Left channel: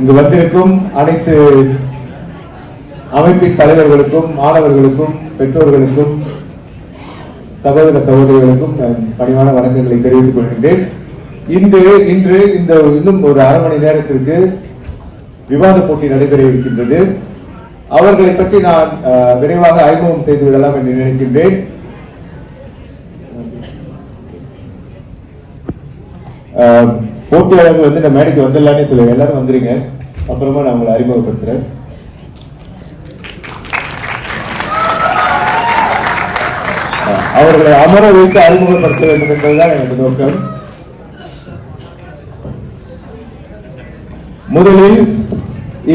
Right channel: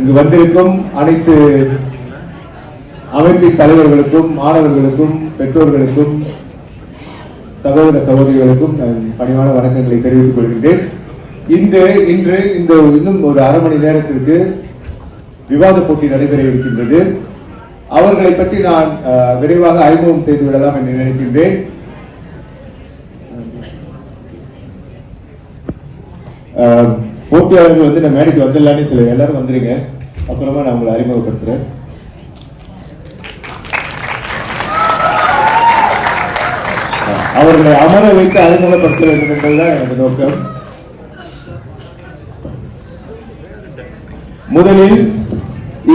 இங்கு வந்திருக்கும் அனைத்து அமைப்பின் தலைவர்களுக்கும், மாணவர்களுக்கும், பெற்றோர்களுக்கும், சகோதர சகோதரிகளுக்கும் பணிவான வணக்கங்களை தெரிவித்துக் கொள்கின்றேன். இன்று இன்னும் ஒரு அரை மணி நேரத்திற்கு விவாத போட்டி நடைபெற இருக்கின்றது. அவர்களை பற்றி நான் விரைவாக அறிமுகம் செய்து விடலாம் என்று நினைக்கின்றேன். போட்டியாளர்கள் வந்து நம்ம மேடைக்கு வந்துடலான்னு சொல்ல, எல்லாரும் வந்துருங்க, அப்புறமா நான் உங்களை அறிமுகப்படுத்துறேன். அவர்களை அமர வைத்து அறிமுகப்படுத்த வேண்டும் என்பதுதான் எனது நோக்கம். முதலில்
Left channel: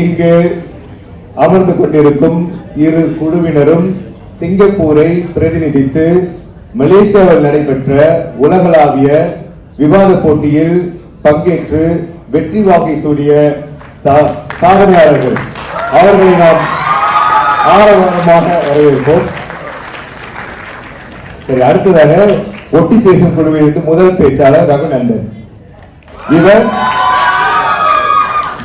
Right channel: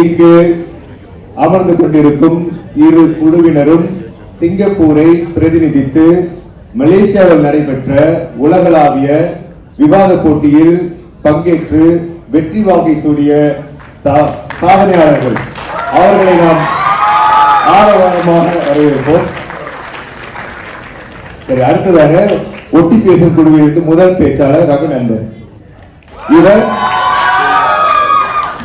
இங்கு அமர்ந்து கொண்டிருக்கும் இரு குழுவினரும் சிங்கப்பூரை பிரதிநிதித்து மலேசியாவில் நடைபெற்ற உலகளாவிய விவாத போட்டியில் பங்கேற்று வெற்றி வாகை சூடிய சாதனையாளர்கள். அவர்களை நாம் ஆரவாரமாக வரவேற்போம். சரி, அடுத்ததாக ஒட்டி பேசும் குழுவிலிருந்து முதல் பேச்சாளர் ரகுநந்தன். இவர்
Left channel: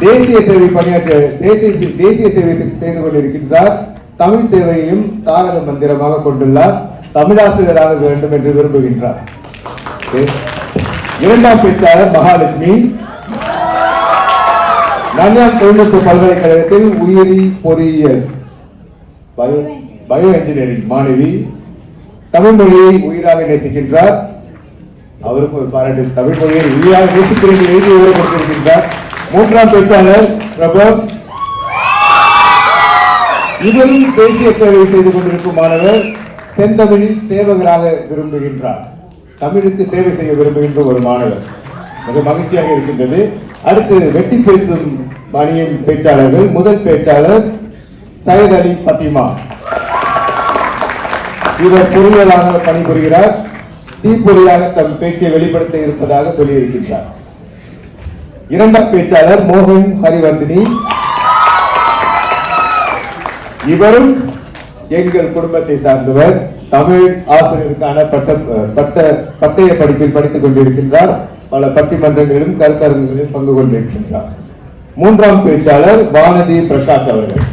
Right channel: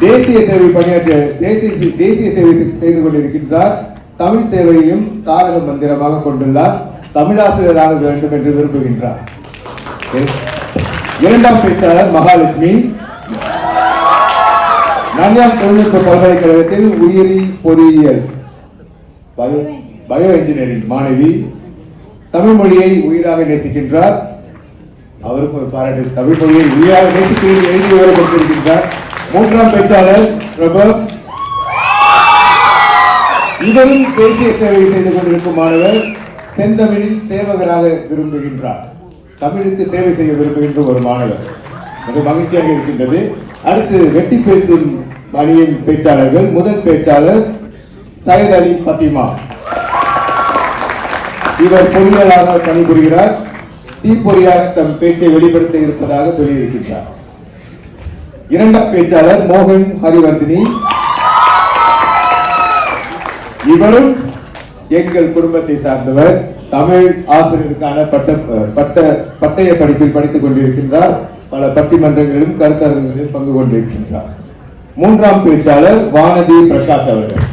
தேசிய சேவை பணியாற்ற தேசிய சேவை செய்து கொண்டிருக்கின்றார். தமிழ் சேவையையும் தாரக மந்திரமாக கொண்டுள்ளார். தமிழாசிரியராக வேண்டும் என்று விரும்புகின்றார். இரண்டாம் பேச்சாளர் மகாலட்சுமி. நன்யார் தொழில்நுட்ப பல்கலைக்கழகத்தில் உயிரி பொறியியல் பயோ என்ஜினியரிங் மாணவி. தமிழ் மொழியை உயிராக நேசிக்கின்றார். அவருக்கு ஒரு பாராட்டு. தமிழ் மொழியை உயிராக நேசிக்கிறேன் எழுதி உயரப்படுத்தியிருக்கின்றார். மூன்றாம் பேச்சாளர் பிரபு. இவரும் தேசிய சேவை செய்து கொண்டிருக்கும் மாணவர். செந்தமிழில் சேவகராக விரும்புகின்றார். தமிழுக்கு சேவை செய்ய விரும்புகின்ற ஒரு மாணவர். மிக மகிழ்ச்சியாக இருக்கின்றது. அடுத்து வெட்டி பேசும் அணியின் பேச்சாளர்கள். முதல் பேச்சாளர் சையத் அலி பத்திமா. இவர் பொறியாளராக பணிபுரிகிறார். தீப்பொறியாக தம் பேச்சை வெளிப்படுத்த இருப்பதாக சொல்லியிருக்கின்றார். இரண்டாம் பேச்சாளர் மோகன் ஹரிவர்தினி. இவரும் எங்கள் குடும்பத்தை சார்ந்தவர். தமிழ் ஆசிரியருக்கான பட்டய படிப்பில் படித்துக் கொண்டிருக்கின்றார். பல பட்டிமன்றங்களிலும் கருத்தரங்குகளிலும் பங்கு கொண்டிருக்கின்றார். மூன்றாம் பேச்சாளர் வானதி பிரகாஷ் அவர்கள்.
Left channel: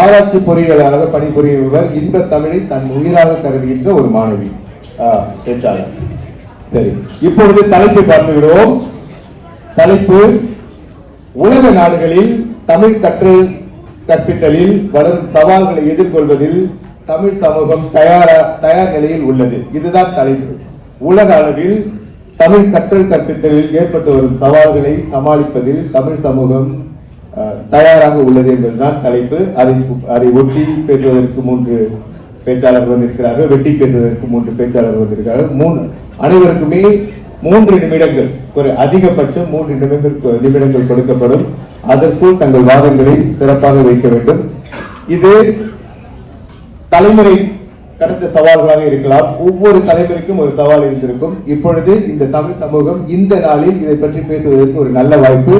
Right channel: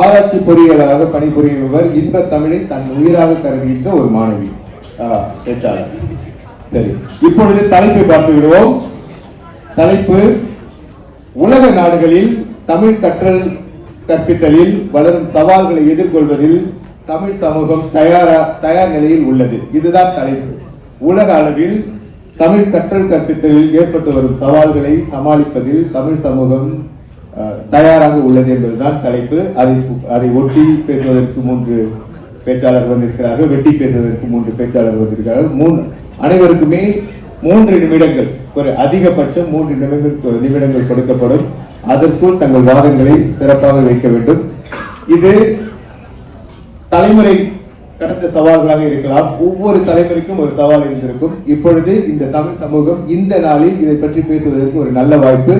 ஆராய்ச்சி பொறியியலாளராக பணிபுரிபவர். இன்ப தமிழை தன் உயிராக கருதுகின்ற ஒரு மாணவி பேச்சாளர். சரி, இப்பொழுது தலைப்பை பார்த்து விடுவோம். தலைப்பு: உலக நாடுகளில் தமிழ் கற்றல் கற்பித்தலில் வளரும் சவால்களை எதிர்கொள்வதில் தமிழ் சமூகம் தயார் நிலையில் உள்ளது. இதுதான் தலைப்பு. உலக அளவில் தமிழ் கற்றல் கற்பித்தலில் ஏற்பட்டு வரும் சவால்களை சமாளிப்பதில் தமிழ் சமூகம் தயாராக உள்ளது என்பதுதான் தலைப்பு. அதை ஒட்டி பேசுவதற்கு 3 பேச்சாளர்கள் வந்திருக்கிறார்கள். வெட்டி பேசுவதற்கு 3 பேச்சாளர்கள் வந்திருக்கிறார்கள். அனைவருக்குமே 3 நிமிடங்கள், ஒரு அதிகபட்சம் 3 நிமிடங்கள் கொடுக்கப்படும். அதற்குள் தங்கள் வாதங்களை சிறப்பாக வைக்க வேண்டும். இது தலைமுறை கடந்த சவால்களாக இருக்கலாம். ஒவ்வொரு தலைமுறைக்கும் ஒரு சவால் இருந்திருக்கும். இப்பொழுது இந்த தமிழ் சமூகம் இந்த நாளில் இதை பற்றி பேசுவதற்கு ஒரு நல்ல வாய்ப்பு.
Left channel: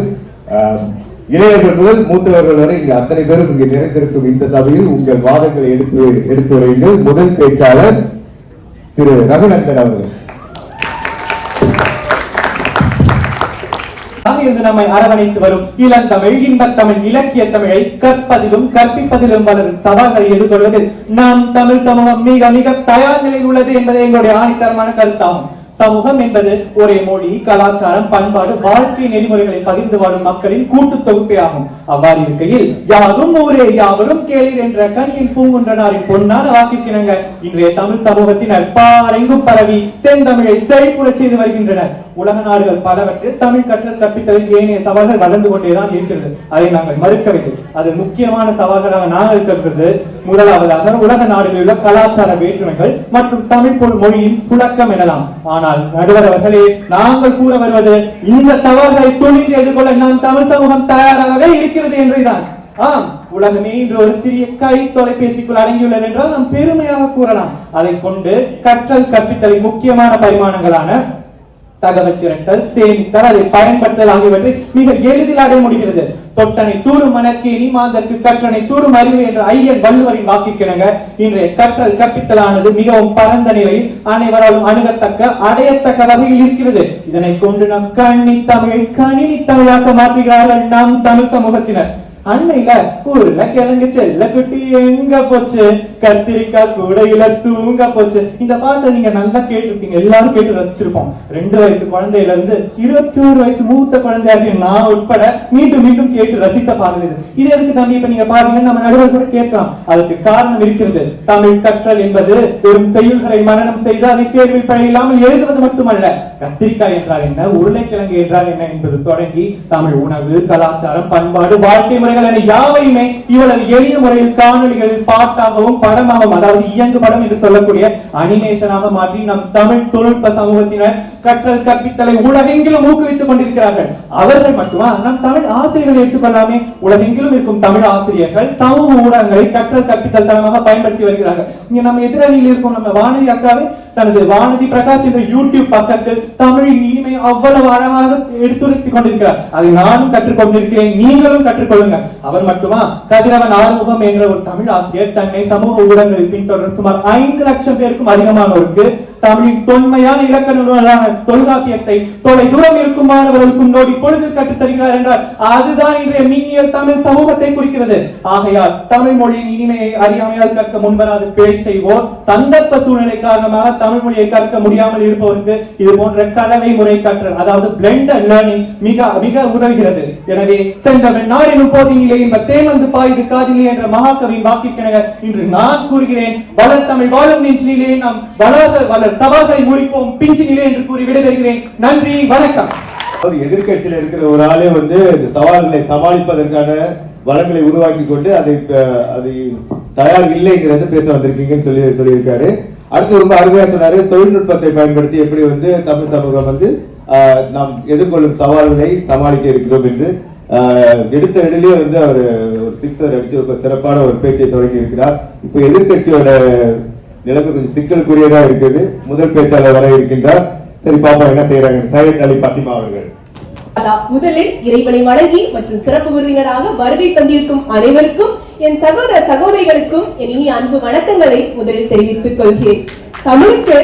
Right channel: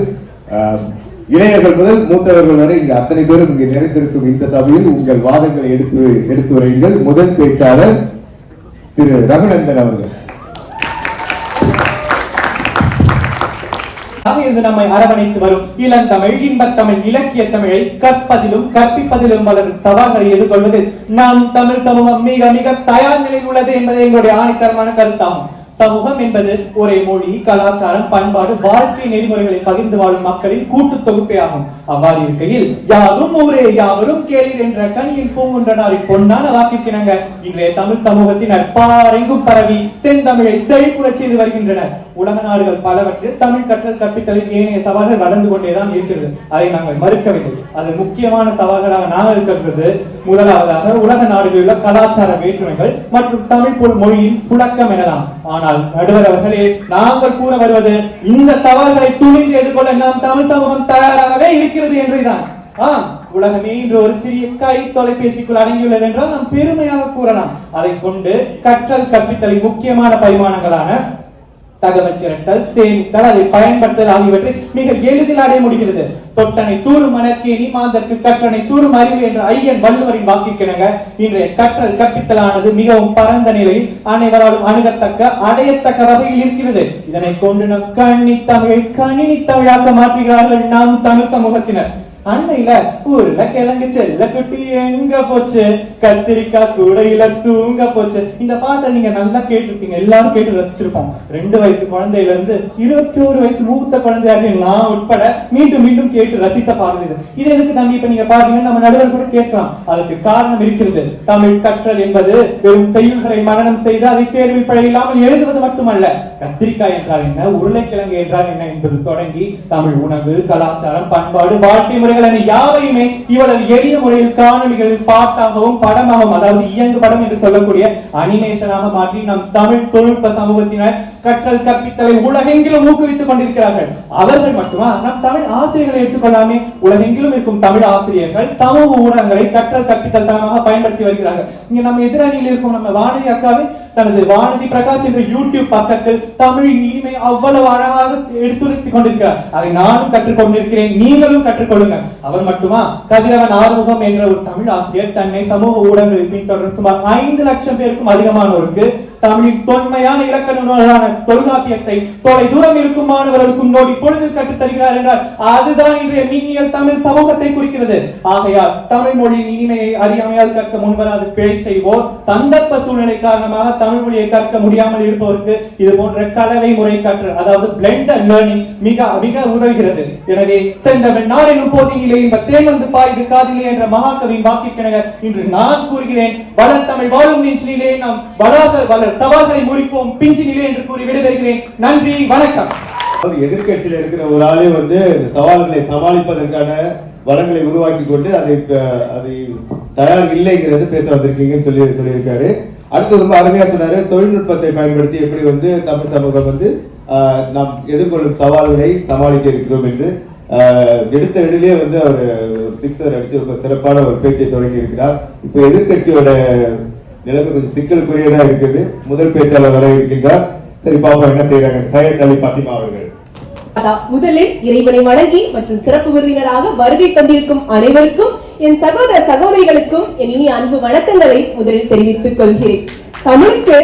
இளைஞர்கள் முதல் மூத்தவர்கள் வரை இங்கு அத்தனை பேரும் இங்கு நிறைந்திருக்கும் இந்த சபையில் உங்கள் வாதங்களை எடுத்து வருங்கள். முதல் பேச்சாளர் திரு ரகுநந்தன் அவர்கள். இருந்து நம்மை அரவணைத்து வரும் இளந்தமிழ், இன்பத்தமிழ், இலக்கிய தமிழை கற்பதிலும் கற்பிப்பதிலும் வளரும் சவால்களை எதிர்கொள்வது நம் தமிழ் சமூகம் மிக மிக தயார் நிலையில் உள்ளது என்பது எங்களுடைய ஆணித்தரமான கருத்தாகும். சமூகம் என்பது ஒரே மொழி, கலாச்சாரம், பண்பாடு, வாழ்க்கை நெறிமுறைகளை பகிர்ந்து வாழும் மக்களின் கூட்டு தொகுப்பே ஆகும். அவ்வாறு இருக்கையில் யாரும் ஊரே யாவரும் கேளீர் என்ற கண்ணின் பூங்குன்றனாரின் பொன்னான வாக்கிற்கிணங்க இன்றைய தமிழ் சமூகத்தினர் பாரெங்கும் பரவி செந்தமிழை செழிப்புறச் செய்து வருகின்றனர். உலக நாடுகள் பலவற்றில் தமிழ் கற்றல் கற்பித்தலில் ஏனைய சவால்கள் வளர்ந்து கொண்டேதான் இருக்கிறது. அதை நாங்கள் மறுக்கவில்லை. அது முக்கியமான சவால்களாக நாங்கள் கருதுவது முதலாவதாக உலக நாடுகளில் உள்ள கலாச்சார வேற்றுமைகள் மற்றும் தமிழ் போல் மொழியின் புழக்கம் எனலாம். ஆனால் நடுவர் அவர்களே, நாங்கள் கூற வருவது இந்த சவால்களை துணிந்து எதிர்கொள்ள நாம் தமிழ் சமூகம் தயாராகவே இருக்கிறது என்றுதான். உலகமே இன்று ஒரு சிறிய கை தொலைபேசிக்குள் அடங்கியுள்ளது என்றால் நாம் பெருமையாக கூறலாம். அதை கொண்டு கற்றல் கற்பித்தலின் முக்கியமான பரிமாணங்களான தகவல் திரட்டல், சேமித்தல், அதை பயன்படுத்தல் ஆகியவற்றை மிக எளிதில் அடைய முடிகிறது. தொட்டனை தூரும் மணற்கேணி மாந்தற்கு கற்றனை தூரும் அறிவு என்ற ஐயன் வள்ளுவரின் வாக்கிற்கிணங்க இன்றைய கற்றல் கற்பித்தலானது மிகவும் பரந்த நிலையில் அனைவராலும் அணுகத்தக்க அடையத்தக்க வகையில் இருக்கிறது. இதனை கொண்டு நம் கணினி தமிழாக்க மாற்றுகிறார்கள் நம் தமிழ் சமூகத்தினர். அன்னையில ஊர்ல கிழங்கு செல்ல குட்டி எங்க போச்சு, கத்திரிக்காய் கூடையில தூங்க போச்சு. இந்த பாட்டை நீங்க நல்லா கேட்டிருப்பீங்க, எல்லாரும் கேட்டு ரசிச்சிருப்போம். 2 வயசு குழந்தையில இருந்து 21 வயசு மூத்த குழந்தையாக நான் உட்பட மீண்டும் மீண்டும் கேட்டு ரசித்த பாடல் இது. இது எதுக்கு தம்பி இப்ப நீங்க பாருங்க, நம்ம நடுவர் கூட கேட்கலாம். அதுக்கு காரணம் இருக்கிறது. தமிழ் கற்றல் என்பது வெறும் செய்யுள்களை மனனம் செய்து அதை தேர்வில் பிழையில்லாமல் எழுதுவது மட்டுமல்ல. கத்திரிக்காய் என்றால் என்ன, உருளைக்கிழங்கு என்றால் என்ன என்பது தொடங்கி தமிழ் உணவு, கலாச்சாரம், பண்பாடு, வாழ்க்கை முறைகள் என யாவையுமே இவ்வளவு எளிய முறையில் காணொலிகள் பாட்டாகவும் படமாகவும், அதாவது இயங்கு படம் என்று சொல்லக்கூடிய அனிமேஷனாக மாற்றி நம் தமிழ் தொழில்நுட்ப சமூகத்தினர் கற்றல் கற்பித்தலை உலகெங்கிலும் ஊக்குவித்துக் கொண்டிருக்கிறார்கள். அவர்கள் மட்டுமா, நம் தமிழ் ஆசிரியர்களை எடுத்துக்கொள்ளாமே, உலகெங்கிலும் இருக்கும் தமிழ் ஆசிரியர்கள் சமூக ஊடகங்களை கற்றல் கற்பித்தல் தளமாக பயன்படுத்தி வருகிறார்கள். இங்க நம்ம எதிரணியில் இருக்கும் நம்ம வானதி அக்காவை தனது வானதி பிரகாஷ் என்ற யூடியூப் பக்கத்தில் தமிழின் இனிமை அவ்வளவு அழகாக எடுத்துரைத்துக் கொண்டிருக்கிறார். அதை நானும் கற்றுக்கொண்டிருக்கிறேன், நீங்களும் கற்றுக்கொள்ளுங்க. அவர் மட்டுமா, கதிரவன் ஆறுமுகம் என்ற ஒரு தமிழ் ஆசிரியர் தன்னை சமூக ஊடகங்களில் பின்தொடரும் சுமார் 5 லட்சம் பேருக்கும் அதிகமானோருக்கு தமிழின் தொன்மையான இலக்கண நூலான தொல்காப்பியத்தை தொலை தூரம் இருக்கும் மாணவர்களுக்கும் நோடி பொழுதில் கற்றுத் தருகிறார் என்றால் அதுதான் இன்றைய மின்னியல் தமிழ் சமூகத்தை குறிக்கிறது. ஆகையால் தமிழ் மொழியின் இனிமையை அறியாமையால் கற்க முன்வராது பிழை செய்வோர், சந்தர்ப்ப சூழ்நிலை காரணமாக தமிழ் மொழியை கற்க முடியாமல் இருப்பவருக்கு இது போன்ற கலவை முறை கற்றல், அதாவது பிளெண்டட் லேர்னிங் மிக மிக உதவுகிறது. எனவே செந்தமிழ் நாடெனும் போதினிலே இந்த தேன் வந்து பாய்து காதிலே என்ற மகாகவியின் வாக்கிற்கென இன்று நான் கூறுகிறேன், வளர்த்தமிழ் வாழும் நெஞ்சிலே நாம் வளர் சவால்களை முறிப்போம் பிஞ்சினிலே என்று கூறி விடைபெறுகிறேன். நன்றி, வணக்கம். எதிர்கட்சியில இருக்கிற ஒரு ஆளே வந்து சவால்களை சமாளிப்பதற்கான வளங்களை உருவாக்கி கொண்டு அதை தயார் இல்லைங்கிறது பேச வந்திருக்கீங்கன்னு சொல்லியிருக்காரு. அடுத்து ரொம்ப அருமையா சொன்னாரு, தொழில்நுட்பத்தை பயன்படுத்தி எப்படி வந்து தமிழ் சமூகம் வந்து நாம் எதிர்கொள்ளும் சவால்களை சமாளிக்க இருக்கிறோம் என்று எடுத்த இடத்திலே வந்து அவர் ஒரு 6 அடிச்சு ரொம்ப சிறப்பான ஒரு பேச்சை தொடங்கி இருக்கிறார். இப்ப எதிர்கட்சியோட நிலைமை கொஞ்சம் சிக்கலுக்குரியதா இருக்குது. முதல் பேச்சாளர் வர இருக்கின்றார். சரி பாப்பா என்ன செய்யறாங்க. சையத் அலி பாத்திமா அவர்கள். முதலில் இறைவனை வணங்கி மற்றும் சிறப்பு விருந்தினராக வருகை தந்திருக்கும் அனைவருக்கும், என் சகோதர சகோதரிகளுக்கும் என் இனிய அன்பு வணக்கங்களை முதலில் தெரிவித்துக் கொள்கிறேன். தமிழுக்கு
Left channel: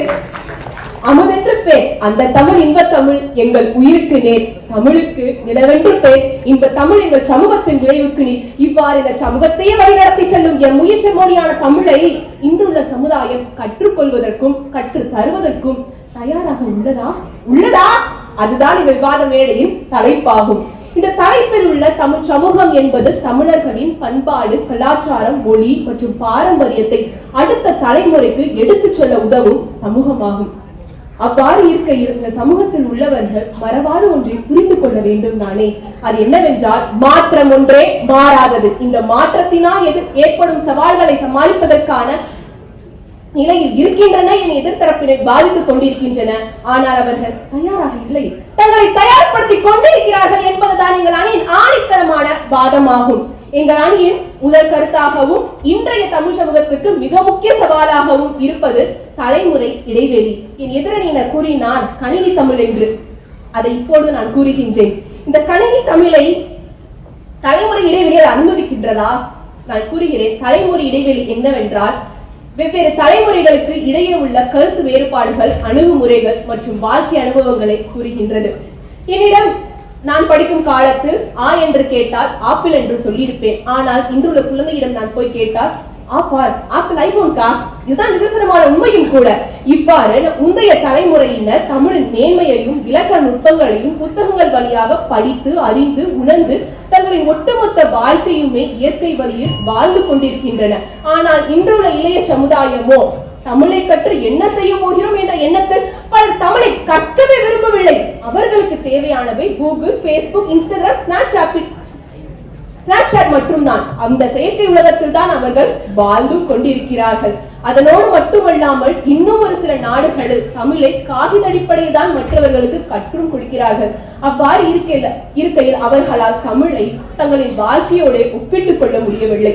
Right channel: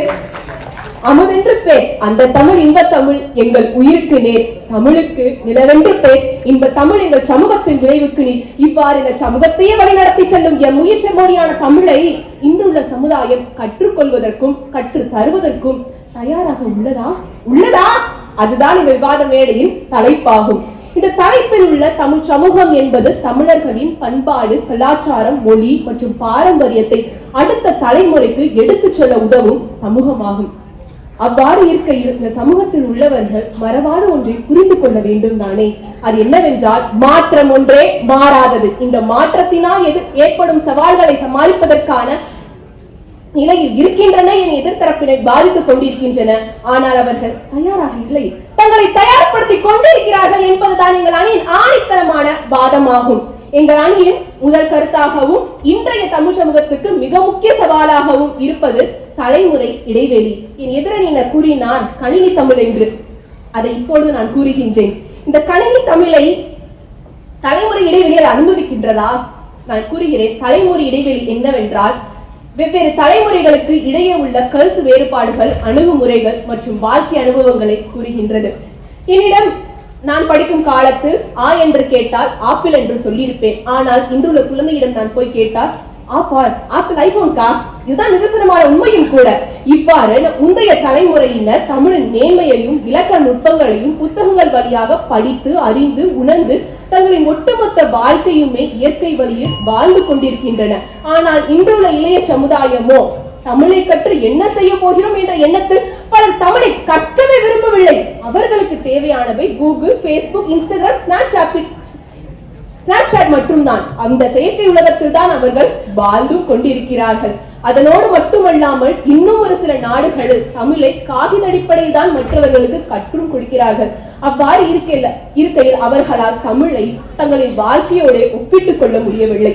அமுதென்று பேர், அந்த தமிழ் இன்ப தமிழ் எங்கள் உயிருக்கு நேர். தமிழுக்கு நிலவென்று பேர், இன்ப தமிழ் எங்கள் சமூகத்தின் விளைவுக்கு நீர். இவ்வாறு இந்த சமூகத்தையே வழிநடத்தி செல்லும் என் உயிர் செம்மொழியான தமிழை இன்றுள்ள சமுதாயம் கற்றுக்கொள்வதற்கும் கற்று தருவதற்கும் தயாராக உள்ளதா? அதுதான் இந்த விவாத மேடையின் தலைப்பாகும். இந்த தலைப்பில் உள்ள தமிழ் சமூகம் என்பது தமிழர்களின் பண்பாடு, கலாச்சாரம், மொழி மற்றும் பாரம்பரியத்தை அடுத்த தலைமுறைக்கு எடுத்துச் செல்ல உதவும் சமூகமாகும். அவ்வாறு இருக்கையில் இந்த சமூகத்தில் உள்ளவர்கள் மறவாத ஒன்றை புரிந்து கொள்ள வேண்டும் தானே. அது என்னவென்றால், மாற்றம் ஒன்றே மாறாதது. இந்த மாற்றத்தினால் ஏற்படும் சவால்களை சமாளிப்பதற்கான நிலையில் இருக்கின்றன என எதிர்த்தரப்பினை பாதித்துக் கொண்டிருக்கின்றன. ஆனால் அவர்கள் தயாராக இல்லை, தங்களை தயார்படுத்திக் கொண்டிருக்கிறார்கள் என்பதுதான் எங்கள் அணியின் ஆணித்தரமான வாதமாகும். எங்கள் அணியின் முதல் கருத்தாகவும் இன்றைய தமிழ் சமூகத்துக்கு மிக முக்கிய சவாலாகவும் இருப்பது தலைமுறை இடைவெளி. என் எதிரணியினர் கூறினான் கணினி தமிழ் என்று. அதை இப்பொழுது நான் கூறுகின்றேன். இந்த கணினி தமிழை தலைமுறை இடைவெளியை அனுமதிக்கின்றதா? நான் கூறுகிறேன், தலைமுறை இடைவெளி என்னவென்றால், வெவ்வேறு தலைமுறைகளுக்கு இடையே உள்ள கருத்து வேறுபாடுகள், அணுகுமுறைகள் மற்றும் வாழ்க்கை அனுபவங்களை கூறுகின்றது. என்னிடம் நான் படிக்கும் காலத்தில் ஆ என்று கேட்டால் ஆப்பிள் என்று சொல்லியிருப்பேன். ஆனால் இன்றுள்ள குழந்தையிடம் நான் போய் கேட்டால் ஆப்பிள் ஐபோன்கா, இதுதான் நிதர்சனமான உண்மையும் கூட. இவ்வாறு முந்தைய தலைமுறையினர் தமிழின் நேர்மையையும் இலக்கண நுட்பங்களையும் புத்தகங்கள் வழியாக படித்து அறிந்து உணர்ந்து தங்களின் ஒட்டுமொத்த வாழ்க்கையுமே இயற்கை வழியில் வாழ்ந்து கொண்டிருக்கின்றன. ஆனால் இன்றுள்ள இளைய சமுதாயமோ தமிழை கற்று என்ன செய்ய போகிறோம் என்ற எண்ணத்தில் பலர் தமிழை கற்கவே விரும்பவில்லை. அவர்களுக்கு தேவையானவை கூகுள், பேஸ்புக், இன்ஸ்டாகிராம், ஸ்னாப்சாட் மட்டும்தான். அந்த செயற்கை உலகத்தில் தான் அவர்கள் வாழ்ந்து கொண்டிருக்கிறார்கள். அதனோடு மட்டுமல்லாமல் இன்னும் ஒரு சில நாடுகளில் தமிழை காகித அடிப்படையில் தான் மற்றவர்களுக்கு கற்றும் கொடுக்கிறார்கள். அவ்வாறு இருக்கையில் அவர்களால் தமிழை தங்களின் வாழ்க்கையோட ஒப்பிட்டுக் கொள்ள முடியவில்லை.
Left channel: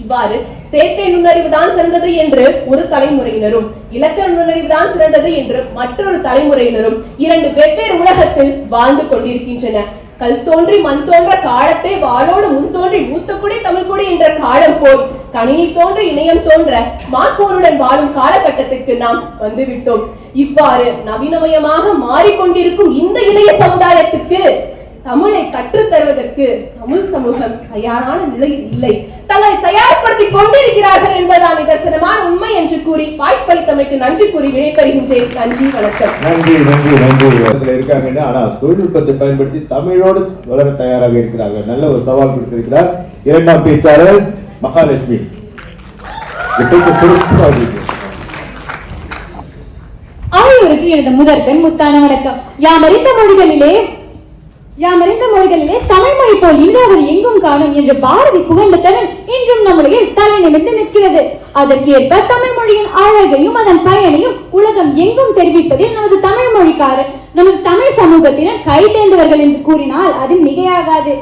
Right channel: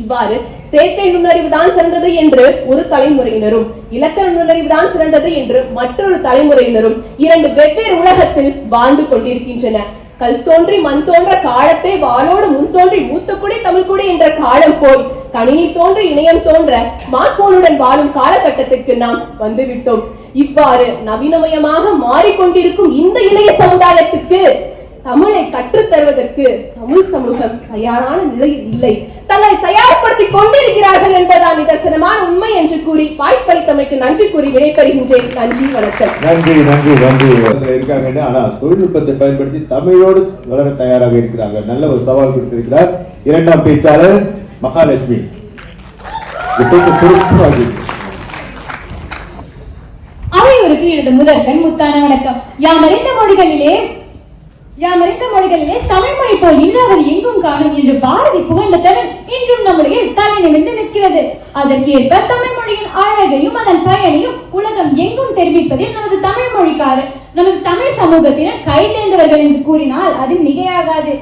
இவ்வாறு செயற்கை நுண்ணறிவு தான் சிறந்தது என்று ஒரு தலைமுறையினரும், இலக்கண நுண்ணறிவு தான் சிறந்தது என்று மற்றொரு தலைமுறையினரும் இரண்டு வெவ்வேறு உலகத்தில் வாழ்ந்து கொண்டிருக்கின்றன. கல் தோன்றி மண் தோன்ற காலத்தை வாளோடு முன் தோன்றி மூத்தக்குடி தமிழ்குடி என்ற காலம் போய் கணினி தோன்றி இணையம் தோன்ற ஸ்மார்ட் போனுடன் வாழும் காலகட்டத்திற்கு நாம் வந்துவிட்டோம். இவ்வாறு நவீனமயமாக மாறிக்கொண்டிருக்கும் இந்த இளைய சமுதாயத்துக்கு தமிழை கற்றுத் தருவதற்கு தமிழ் சமூகம் தயாரான நிலையில் இல்லை. தங்களை தயார்படுத்திக் கொண்டிருக்கிறார்கள் என்பதால் நிதர்சனமான உண்மை என்று கூறி வாய்ப்பளித்தமைக்கு நன்றி கூறி விடைபெறுகின்றேன். நன்றி, வணக்கம். நன்றி நன்றி நன்றி. இருக்காங்க, ஆனா தொழில்நுட்பத்தை பயன்படுத்தி தமிழோடு வளர தயாராக இருக்கிறார்கள். நல்ல ஒரு சவால் கொடுத்திருக்கிறார் இரண்டாம் பேச்சாளர் மகாலட்சுமி. அனைவருக்கு எனது முதற்கண் முத்தான வணக்கம். யாமறிந்த மொழிகளிலே தமிழ் மொழி போல் இல்லாதது எங்கும் காணும் என்று பாரதி புகழ்ந்த தமிழ் இன்றும் நம்முடைய தலை நிமிர்ந்து நிற்கிறது. அதற்கேற்ப தமிழ் மொழியின் அழகையும் அதன் பயனையும் உலகம் எங்கும் தெரிவிப்பதில் நமது தமிழ் சமூகத்தினர் கை தேர்ந்தவர்கள் என்று கூறினால் அது மிகையாகாது.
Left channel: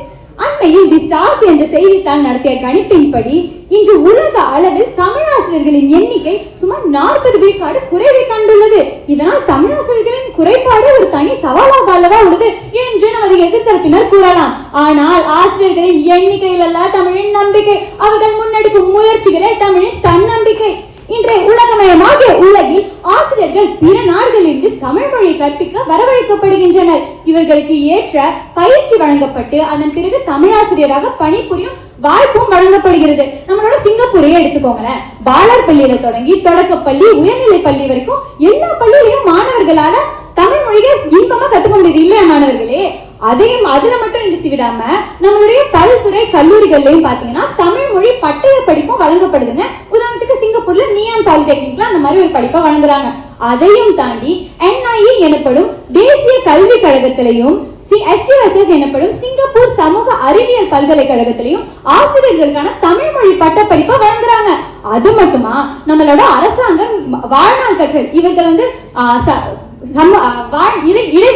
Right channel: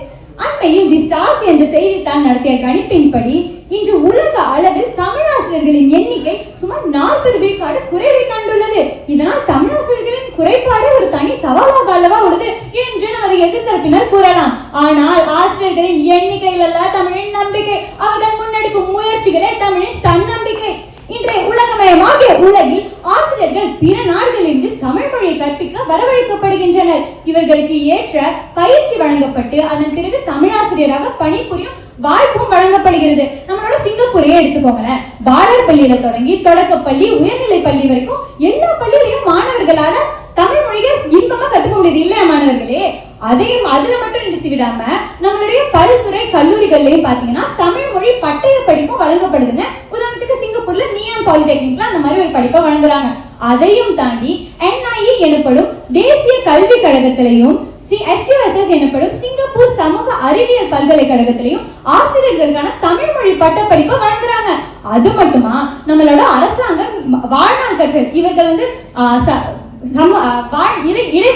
அண்மையில் தி ஸ்டார்ஸ் என்ற செய்தித்தாள் நடத்திய கணிப்பின்படி இன்று உலக அளவில் தமிழாசிரியர்களின் எண்ணிக்கை சுமார் 40 விழுக்காடு குறைவை கண்டுள்ளது. இதனால் தமிழாசிரியர்களின் குறைபாடு ஒரு தனி சவாலாக அல்லவா உள்ளது என்று நமது எதிர்த்தரப்பினர் கூறலாம். ஆனால் ஆசிரியர்களின் எண்ணிக்கையில் அல்ல தமிழின் நம்பிக்கை, அவர்கள் முன்னெடுக்கும் முயற்சிகளே தமிழின் தன்னம்பிக்கை. இன்றைய உலகமயமாகிய உலகில் ஆசிரியர்கள் பிற நாடுகளிலிருந்து தமிழ் மொழியை கற்பிக்க வரவழைக்கப்படுகின்றனர். இவர்களுக்கு ஏற்ற பயிற்சி வழங்கப்பட்டு அதன் பிறகு தமிழாசிரியராக பணிபுரியும் வாய்ப்பும் வழங்கப்படுகிறது. நம்மளோட சிங்கப்பூரையே எடுத்துக்கோங்களேன். பாலர் பள்ளியில தொடங்கி தொடக்கப்பள்ளி, உயர்நிலை பள்ளி வரைக்கும் எல்லா பள்ளியிலையும் மாணவர்களால தமிழ் மொழியை இன்பமா கத்துக்க முடியுது இல்லையா மாணவர்களே? அதையும் அதுல மட்டும் நிறுத்தி விடாம நம்மளுடைய பல்துறை கல்லூரிகள்லயும் பாத்தீங்கன்னா தமிழ் மொழி பட்டய படிப்பும் வழங்கப்படுதுங்க. உதாரணத்துக்கு சிங்கப்பூர்ல நியான் பாலிடெக்னிக்ல அந்த மாதிரி ஒரு படிப்பை வழங்குறாங்க. அதையும் தாண்டி NIE எனப்படும் தேசிய கல்வி கழகத்திலையும் SUSS எனப்படும் சிங்கப்பூர் சமூக அறிவியல் பல்கலைக்கழகத்திலையும் ஆசிரியர்களுக்கான தமிழ் மொழி பட்ட படிப்பை வழங்குறாங்க. அது மட்டுமா, நம்மளோட அரசாங்கம் வாழ்நாள் கற்றல், இவர்கள் வந்து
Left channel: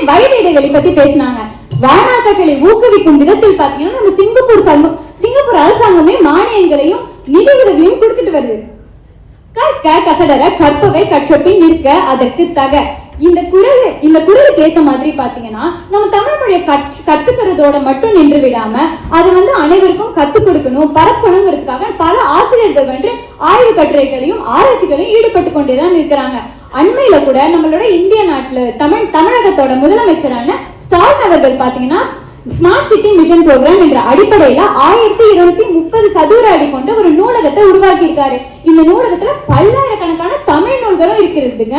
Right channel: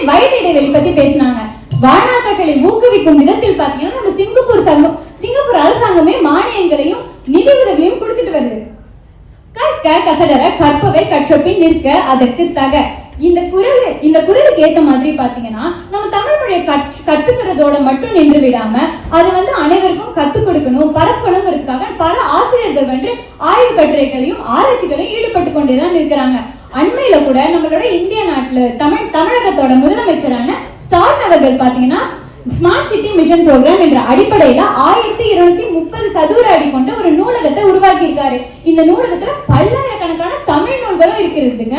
வயது இடைவெளி பத்தி பேசினாங்க. வாழ்நாள் கற்றலை ஊக்குவிக்கும் விதத்தில் பாத்தீங்கன்னா நம்ம சிங்கப்பூர் அரசாங்கமே மானியங்களையும் நிதி உதவியும் கொடுத்துட்டு வருது. கற்க கசடர கற்பவை கற்றபின் நிற்க அதற்கு தக. இந்த குரலுக்கு ஏத்த மாதிரி பாத்தீங்கன்னா நம்ம தமிழ் மொழியை கத்துக்கிறதோட மட்டும் நின்று விடாம அது வந்து அனைவருக்கும் கத்துக் கொடுக்கணும், பரப்பணுங்கிறதுக்காக பல ஆசிரியர்கள் வந்து ஆய்வு கட்டுரைகளையும் ஆராய்ச்சிகளையும் ஈடுபட்டு கொண்டேதான் இருக்கிறாங்க. அண்மையில கூட நம்மளோட இந்திய நாட்டுல தமிழகத்தோட முதலமைச்சரான ஸ்டாலின் அவர்கள் பாத்தீங்கன்னா ஸ்மார்ட் சிட்டி மிஷன் ப்ரோக்ராம் என்ற அடிப்படையில 1230 சதுர அடி கொண்ட ஒரு நூலகத்தை உருவாக்கி இருக்காரு. இந்த நூலகத்துல பல்லாயிரக்கணக்கான தமிழ் நூல்களும் இருக்கிறதுங்க.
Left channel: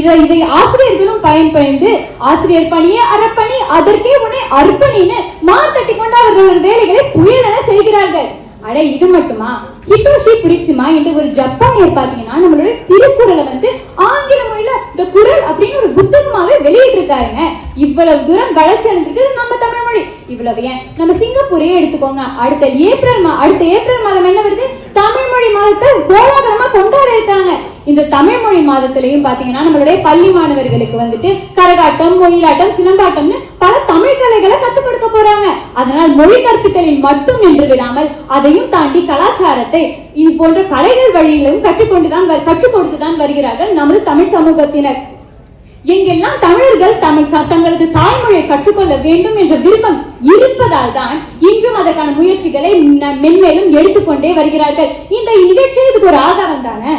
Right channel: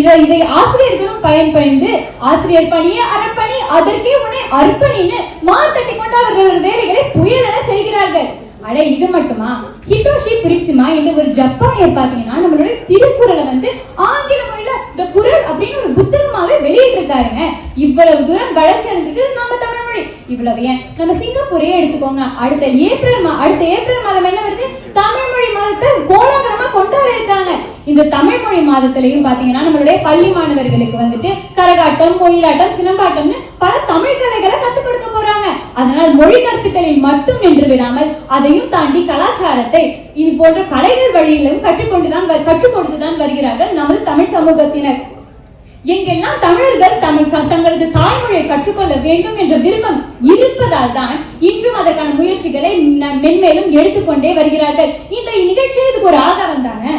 இதை ஆசிரியர்களும் பயன்படுத்தி ஆசிரியர் பணியே அறப்பணி, அதற்கே உன்னை அர்ப்பணின்னு மார்த்தட்டி கொண்டு அவர்களோட வேலைகளை புயலென செய்கிறார்கள். அட இது மட்டுமா, ஹிட்டோஷி புரிட்சுமா என்று ஒரு ஜப்பானியர் பாத்தீங்கன்னா நம்மளுடைய திருக்குறளை வந்து ஆங்கில மொழியில இந்த குறள் அப்படின்னு ஒரு புத்தகமாவே வெளியிட்டு இருக்காருங்க. இவ்வளவு தூரம் வளர்ச்சி அடைந்திருக்கு நம்ம தமிழ் மொழி. இவ்வளவு ஏன் நம்ம சிங்கப்பூரையே எடுத்துக்கோங்க. அடுத்த ஏப்ரல் மாதம் என்ன வருது? தமிழ் மொழி மாதத்தை கோலாகலமா கொண்டாட இருக்காங்க. இந்த தமிழ் மொழி மாதத்திலையும் பாத்தீங்கன்னா நம்மளுடைய பள்ளி மாணவர்களுக்கு வந்துட்டு கரகாட்டம், ஒயிலாட்டம், சிலம்பாட்டம்னு பல தமிழ் கலைகளை கத்துக் கொடுக்க போறாங்க. அதனால் மொழி கற்பித்தலில் மட்டும் நின்று விடாமல் அதையும் தாண்டி கலாச்சாரத்தை இது போன்ற கலைகள் வழியிலும் கற்றுக் கொடுத்துதான் வருகிறார்கள் நமது தமிழ் சமூகத்தினர். எங்கெல்லாம் தமிழர்கள் தங்களது தாய்மொழியை கற்றுக்கொள்ள வேண்டும் என்ற விருப்பம் இருப்பதால் தான் இன்றும் அதற்கான முயற்சிகளை மென்மேலும் எடுத்துக்கொண்டே வருகிறார்கள். இந்த நிகழ்ச்சி இதுக்கு ஒரு ஆதாரம் தானே.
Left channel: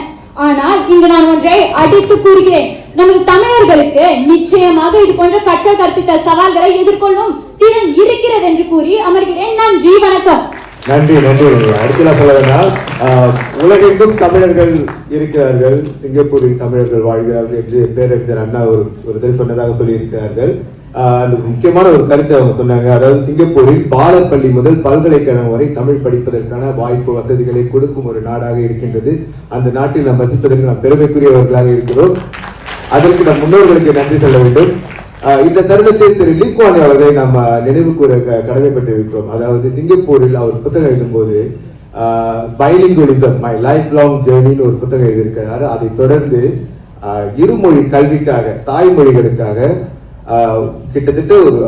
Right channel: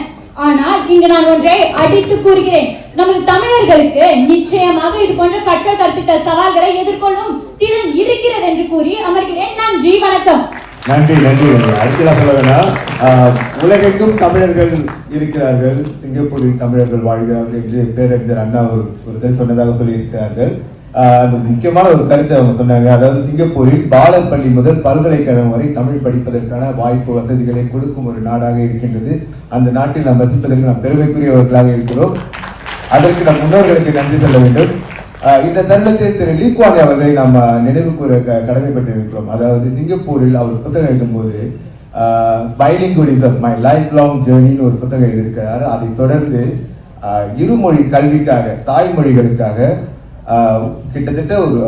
ஆனால் இங்கு நான் ஒன்றை அடித்து கூறுகிறேன். நமது தமிழர்களுக்கு நிச்சயமாக இது போன்ற கற்றல் கற்பித்தல் சவால்களை எதிர்கொள்ளும் திறன் இருக்கிறது என்று கூறி அமர்கிறேன். நன்றி, வணக்கம். நன்றி நன்றி. அடுத்ததாக சொல்ல வேண்டாம், உலகெங்கும் தமிழர்கள் இருக்கிறார்கள், சிங்கப்பூரில் தமிழர்கள் வாழ்கிறார்கள் என்று பேரறிஞர் அண்ணா ஒரு சொன்னதாக சொல்லி இருக்கிறார்கள். அந்த முக்கியமான ஒரு கருத்தை அவங்க சொன்னாங்க. அதாவது சிங்கப்பூரில் பாலர் பள்ளி முதல் பல்கலைக்கழகம் வரை தமிழ் படிப்பதற்கான வாய்ப்பு வசதிகளை கொடுக்கும் ஒரு நாடாக இருக்கின்றது. அந்த நாட்டில் நாம் வசிப்பதற்கு நாம் பெருமைக்குரியவர்களாக இருக்கிறோம். அதற்கு நம் முன்னோர்களுக்கு நன்றி சொல்ல வேண்டும். இந்த தருணத்தில் திரு லீ குவான் யூ அவர்களை நாம் நினைவு கூற கடமைப்பட்டிருக்கிறோம். அதாவது சிங்கப்பூரில் அவர் புத்தகம் எழுதும் போது பைலிங்குவலிசம் மை லைஃப் லாங் ஜேர்னின்னு ஒரு புத்தகம் எழுதியிருக்கிறார். அதை தொடர்ந்து இருமொழி கல்விக்காக, தாய்மொழிகளுக்காக கிட்டத்தட்ட ஒரு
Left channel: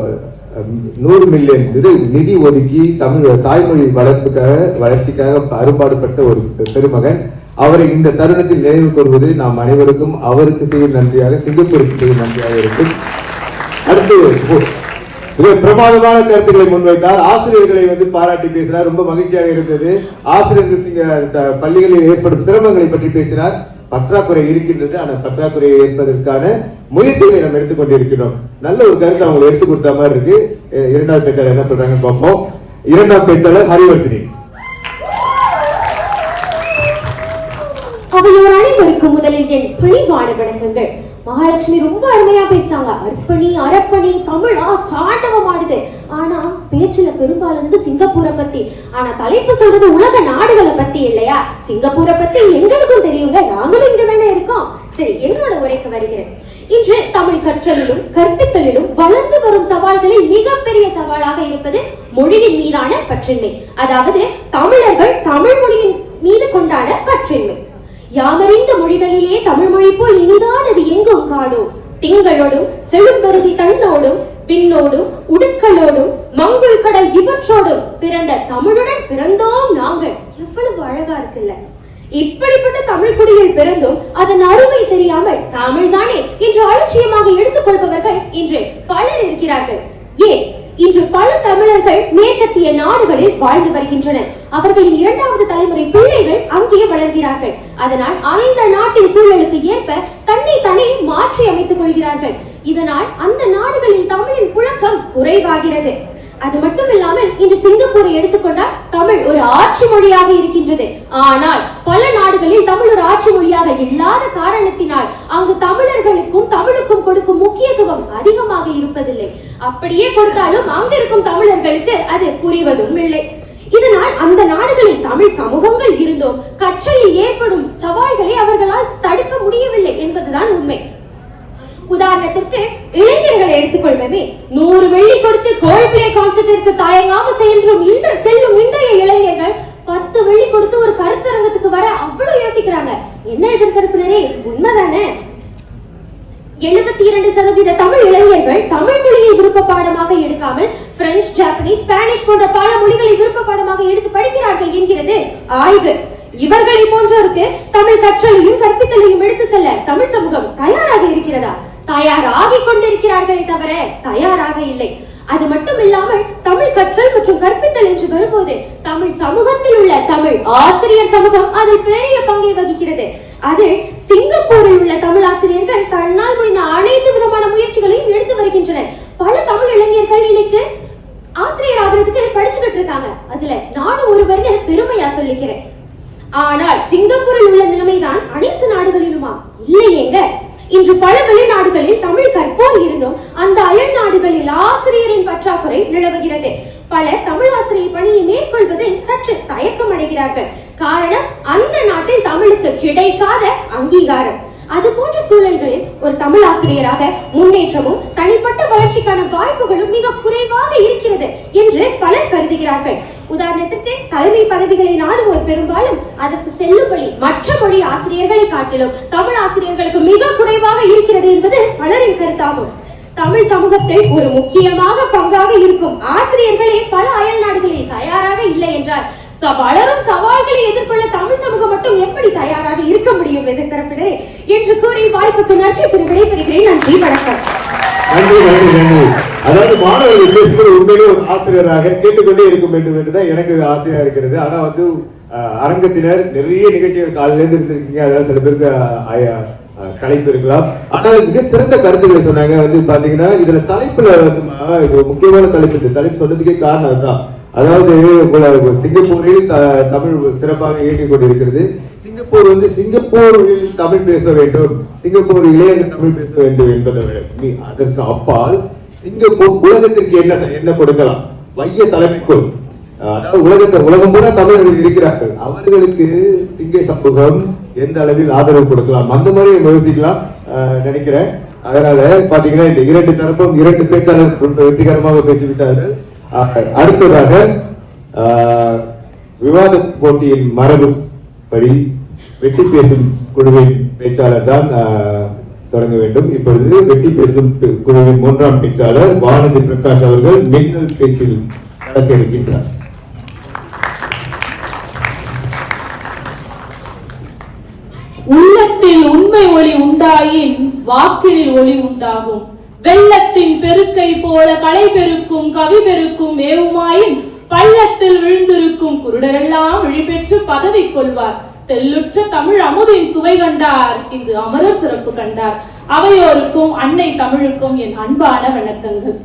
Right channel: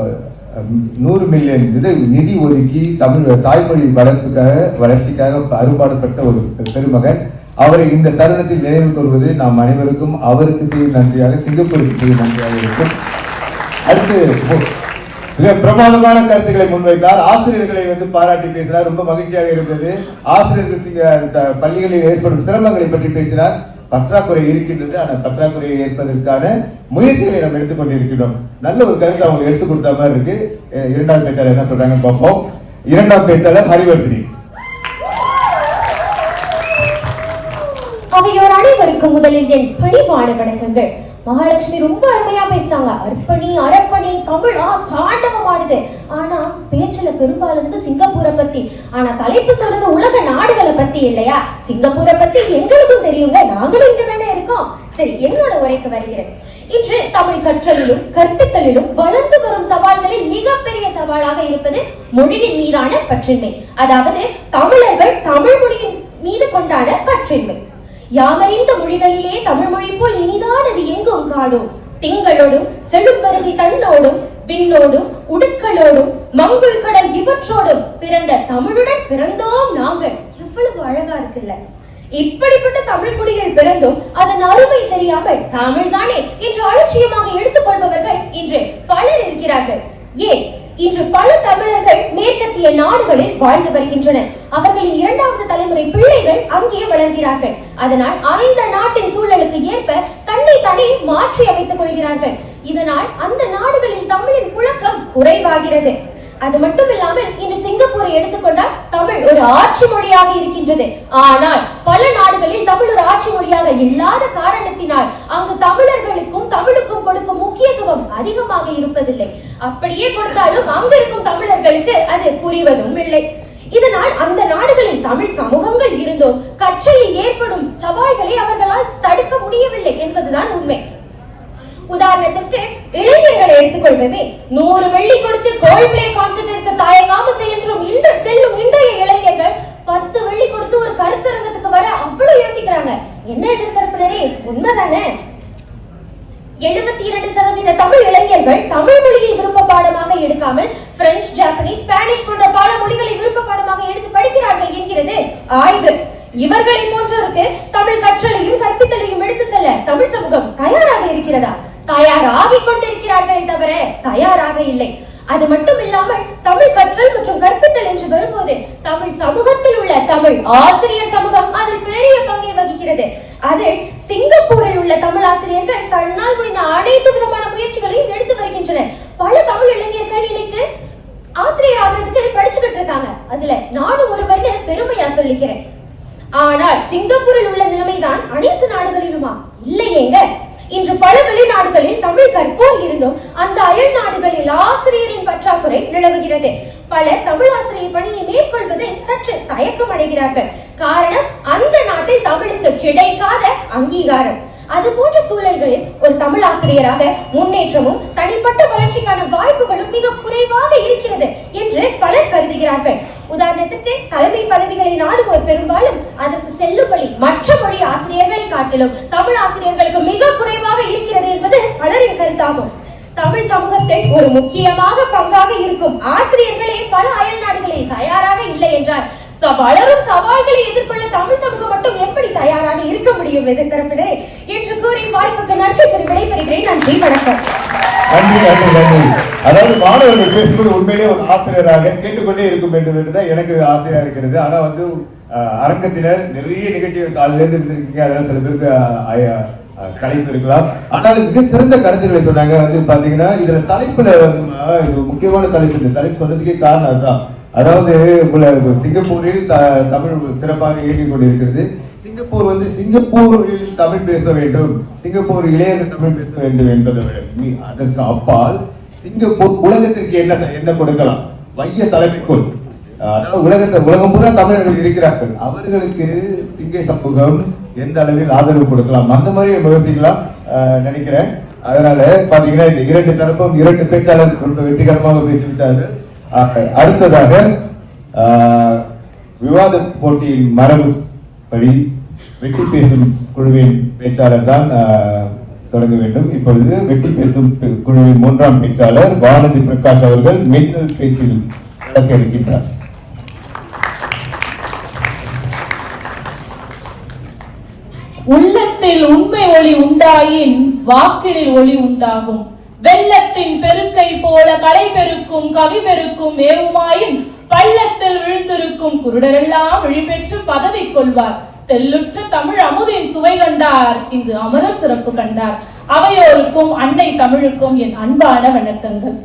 100 மில்லியன் நிதி ஒதுக்கி தமிழ் தாய்மொழி வளர்ச்சிக்காக அரும்பாடுபட்ட ஒரு பெருமகன். அவரை இந்த தருணத்தில் நினைவு கூறுவது நாம் அனைவருக்கும் அவருக்கு செய்யும் நன்றியாக, சிங்கப்பூருக்கு செய்யும் நன்றியாக இருக்கும். அடுத்து மிக பிரமாதமான கருத்துக்களை முன்வைத்தார். ஆசிரியர்களை பாராட்டி பேசினார். ரொம்ப மகிழ்ச்சியாக இருந்தது. ஆசிரியர்கள் பள்ளிகளில் ஏற்படும் சிரமங்களை பற்றி பேசினார். பற்றாக்குறை இருக்கின்றது, ஆனால் பற்றாக்குறையை ஏற்பதற்கான முயற்சிகளை நாம் எடுத்துக்கொண்டிருக்கிறோம். நல்ல ஒரு கருத்து அவங்க எடுத்து கொடுத்த மாதிரி இருக்கு. இரண்டாவது பேச்சாளர் என்ன சொல்றாங்க பார்ப்போம். இரண்டாம் பேச்சாளர் ஹரிவர்தினி. அவையோர் அனைவருக்கும் முதலில் என் பணிவான வணக்கங்கள். மகாலட்சுமி ரொம்ப அருமையா பேசினாங்க. அர்ப்பணி அரப்பணி தமிழா தாண்டவமானது. ஆனா பேச்சுல பெரும்பாலும் சிங்கப்பூரை பத்தி, ஆனா தலைப்பு சொல்றது உலக நாடுகளை பத்தி இல்லையா? சிங்கப்பூரை பத்தி எங்களுக்கும் தெரியுங்க, நாங்களும் இங்க தானே இருக்கோம். சரி, என்னோட உரைக்கு வருகிறேன். இன்று தமிழ் கற்றலிலும் கற்பித்தலிலும் வளர்ந்து வரும் சவால்களில் மிகப்பெரிய சவாலாக இருப்பது மொழியின் மீதான பற்றின்மை. அதாவது தமிழர்கள் தமிழ் மொழியின் மீது கொண்டாட பற்றின்மை. யாமறிந்த மொழிகளிலே தமிழ் மொழி போல் இனிதானது எங்கும் காணோம். திங்களோடும் செழும்பருதி தன்னோடும் விண்ணோடும் உடுக்களோடும் மங்குள் கடல் இவற்றோடும் பிறந்த தமிழுடன் பிறந்தோம் நாங்கள். எவ்வளவு அழகா இருக்குல்ல. இப்படிப்பட்ட தமிழ் குடியில் பிறந்தும் அதன் அருமை தெரியாமல் தமிழ் தானே என்று அலட்சியமாக எடுத்துக் கொள்பவர்கள் இன்று பலர் இருக்கிறார்கள். ஏன் இன்று பல தமிழர்கள் மேற்கத்திய நாடுகளில் வாழ்ந்து வருகின்றனர். அவர்களின் இரண்டாவது தலைமுறை பிள்ளைகள் அங்கே வளர்கிறார்கள். அதனால் அந்த நாட்டின் சூழலுக்கு ஏற்ப தன்னை தானே மாற்றி அமைத்துக் கொள்கிறார்கள். இதனால் அந்த நாடுகளில் தமிழின் புழக்கம் குறைவாகிறது. அது மட்டும் இல்லாமல் இன்று சிங்கப்பூரை எடுத்துக்கொண்டால் தமிழ் ஒரு ஆட்சி மொழியாக இருக்கின்றது. ஆனால் பல நாடுகளில் தமிழ் ஒரு ஆட்சி மொழியாக இல்லாத காரணத்தினால் அங்கு தமிழர்களுக்கும் தமிழுக்கும் கொடுக்கும் முக்கியத்துவம் அதிகமாக இருப்பதில்லை. அப்படியே கொடுத்தாலும் அங்கிருக்கும் தமிழர்களுக்கு அது புரிவதும் இல்லை. இதனால் அந்த நாடுகளில் தமிழ் சமூகங்கள் இருந்தோம் கற்றலில் ஏற்படும் சவால்களை அவர்களால் தடுக்க முடியவில்லை என்பதுதான் உண்மை. உதாரணத்திற்கு இளைஞர்களை எடுத்துக்கொள்வே 100 வெள்ளி கொடுத்து கோல் பிளே கான்சர்ட்டிற்கு தயங்காம செல்லும் இன்றைய இளைஞர்கள் 10 வெள்ளி கொடுத்து ஒரு கருத்தரங்கத்துக்கு வர அவ்வளவு யோசிக்கிறாங்க. என்ன எதிர்கருப்பினரே, உண்மைதானே? 72% தமிழ் இளைஞர்கள் தமிழ் மொழியை விருப்ப பாடமாக எடுக்காமல் பிரெஞ்சு, ஜப்பானீஸ், ஸ்பானிஷ் போன்ற பல மொழிகளை விருப்ப பாடமாக எடுத்து படிக்கிறார்கள் என்கிறது ஆய்வு. இவர்களை போன்றோருக்கு தமிழ் கற்றலையும் கற்பித்தலையும் எடுத்து செல்ல தமிழ் சமூகம் தயாராக இருக்கிறதா? தயாராகிக் கொண்டிருக்கிறார்களே தவிர தயாராக இல்லை. அது மட்டும் இல்லாமல் தமிழ் கற்றல் மற்றும் கற்பித்தல் என்று வரும்போது தமிழ் சமூகத்தில் உள்ள தமிழ் ஆசிரியர் சமூகம் அதில் பெரிய பங்கை வகிக்கிறது. அதில் சிங்கப்பூரில் உள்ள தமிழ் ஆசிரியர்கள் தன்னால் முடிந்த அனைத்து விதமான முயற்சிகளையும் எடுத்து வருகின்றனர். பல தமிழ் இளைஞர்கள் இன்னைக்கு ஆசிரியர் ஆகிறதுக்கு படிச்சுக்கிட்டு இருக்காங்க. அதுல நானும் ஒருவர்னு பெருமையா சொல்லிக்கிறேன். ஆனால் சிங்கப்பூரில் உள்ள நிலைமைதான் அனைத்து நாடுகளிலுமா? இல்லையேங்க. இன்று பல வெளிநாடுகளில் தமிழ் கற்போர் இருந்தும் அந்த அயல் நாடுகளில் ஆசிரியரின் பற்றாக்குறை நிலவுகிறது. பலர் தமிழ் ஆசிரியர் பணியை மேற்கொள்வதில் சற்று தயக்கம் அடைகிறார்கள். காரணம், அந்த நாட்டில் தமிழுக்கு கிடைக்காத அங்கீகாரம். அது போன்ற சூழல்களில் ஒரு தமிழ் ஆசிரியராக முன்னேற்றமும் தனிப்பட்ட வளர்ச்சிக்கான வாய்ப்புகளும் மிக குறைவாக இருக்கிறது என்று பலர் கருதுகிறார்கள். உதாரணத்துக்கு தலைமை பதவிகளை நாடுவோர் பெரும்பாலும் அதற்கு செல்லுபடி மற்ற மொழி ஆசிரியர்களை காட்டிலும் தமிழ் ஆசிரியர்களுக்கு மிக குறைவாக இருக்கிறது என்பது பலரின் கருத்தாகும். தமிழ் சமூகத்தில் ஒரு முக்கியமாக பங்காக இருக்கும் ஆசிரியர்களே பல அயல் நாடுகளில் தயாராக இல்லை என்றால் வளரும் சவால்களை எதிர்கொள்ள தமிழ் சமூகம் மட்டும் எப்படி தயாராக இருக்க முடியும் எதிர்த்தரப்பினரே என்று கூறி வாய்ப்புக்கு நன்றி கூறி விடைபெறுகிறேன். நன்றி, வணக்கம். நன்றி நன்றி நன்றி. அதாவது மாணவர்கள் பேசுவது உண்மையிலே ஒரு ஆசிரியராக கேட்டுக்கொண்டே இருக்க வேண்டும் என்றுதான் எனக்கு ஆசையா இருக்கிறது. ஆனா அரங்கத்தினர் நிறைய நிகழ்ச்சிகள் காலையில இருந்து இருந்திருக்கீங்க. அதனால சில பேருக்கு கலைப்பு இருக்கலாம். ஆனால் மிக சிறந்த கருத்துக்களை சொன்னாங்க. பாத்தீங்கன்னா இதுல தலைப்புல முக்கியமான தலைப்பு, இந்த தலைப்பு சொன்னதுக்கே காரணம் அதுதான். அதாவது சிங்கப்பூரில் தமிழ் சிறப்பாக இயங்கிக் கொண்டிருக்கிறது. சிங்கப்பூர் சிங்கப்பூரில் தமிழ் பேச வேண்டும், சிங்கப்பூர் இளைஞர்கள் தமிழ் பேச வேண்டும் என்பதை விட அதற்கு அப்பால் சிங்கப்பூர் உலகத்திற்கு என்ன கொடுக்கலாம்? மைய தலைமைக்குள், அதாவது உலகம் பூரா தமிழர்கள் இருக்கிறார்கள். அவர்களுக்கு சிங்க சமூகம் எந்த அளவில் ஆதரவு கொடுக்கலாம், அந்த மாதிரி யோசிக்கலாம் நினைக்கிறேன். அதனால பாத்தீங்கன்னா இந்த இரண்டு தரப்பும் இரண்டு பேச்சாளர்கள் வெற்றிகரமாக பேசிவிட்டார்கள். அடுத்ததாக விவாத போட்டியின் மரபுப்படி வெற்றி பேசும் குழுவின் பேச்சாளர் தான் தொடங்க வேண்டும். இப்பொழுது வெற்றி பேசும் குழுவின் 3ஆம் பேச்சாளர் வானதி பிரகாஷ் அவர்கள் மின்னல் பேச்சில் நடக்க இருக்கின்றார். உள்ளத்தில் உண்மை ஒளி உண்டாயின் வாக்கினில் ஒளி உண்டாகும். வெள்ளத்தின் பெருக்கை போல கலை பெருக்கும் கவி பெருக்கும் மேவுமாயின் பள்ளத்தில் விழுந்திருக்கும் குருடரெல்லாம் விழிபெற்று பதவி கொள்வார். தெல்லுற்ற தமிழ் அமுதின் சுவை கண்டார், இங்கு அமரர் சிறப்பு கண்டார். அவையோருக்கும் அன்னை தமிழுக்கும் என் அன்பான வணக்கங்கள்.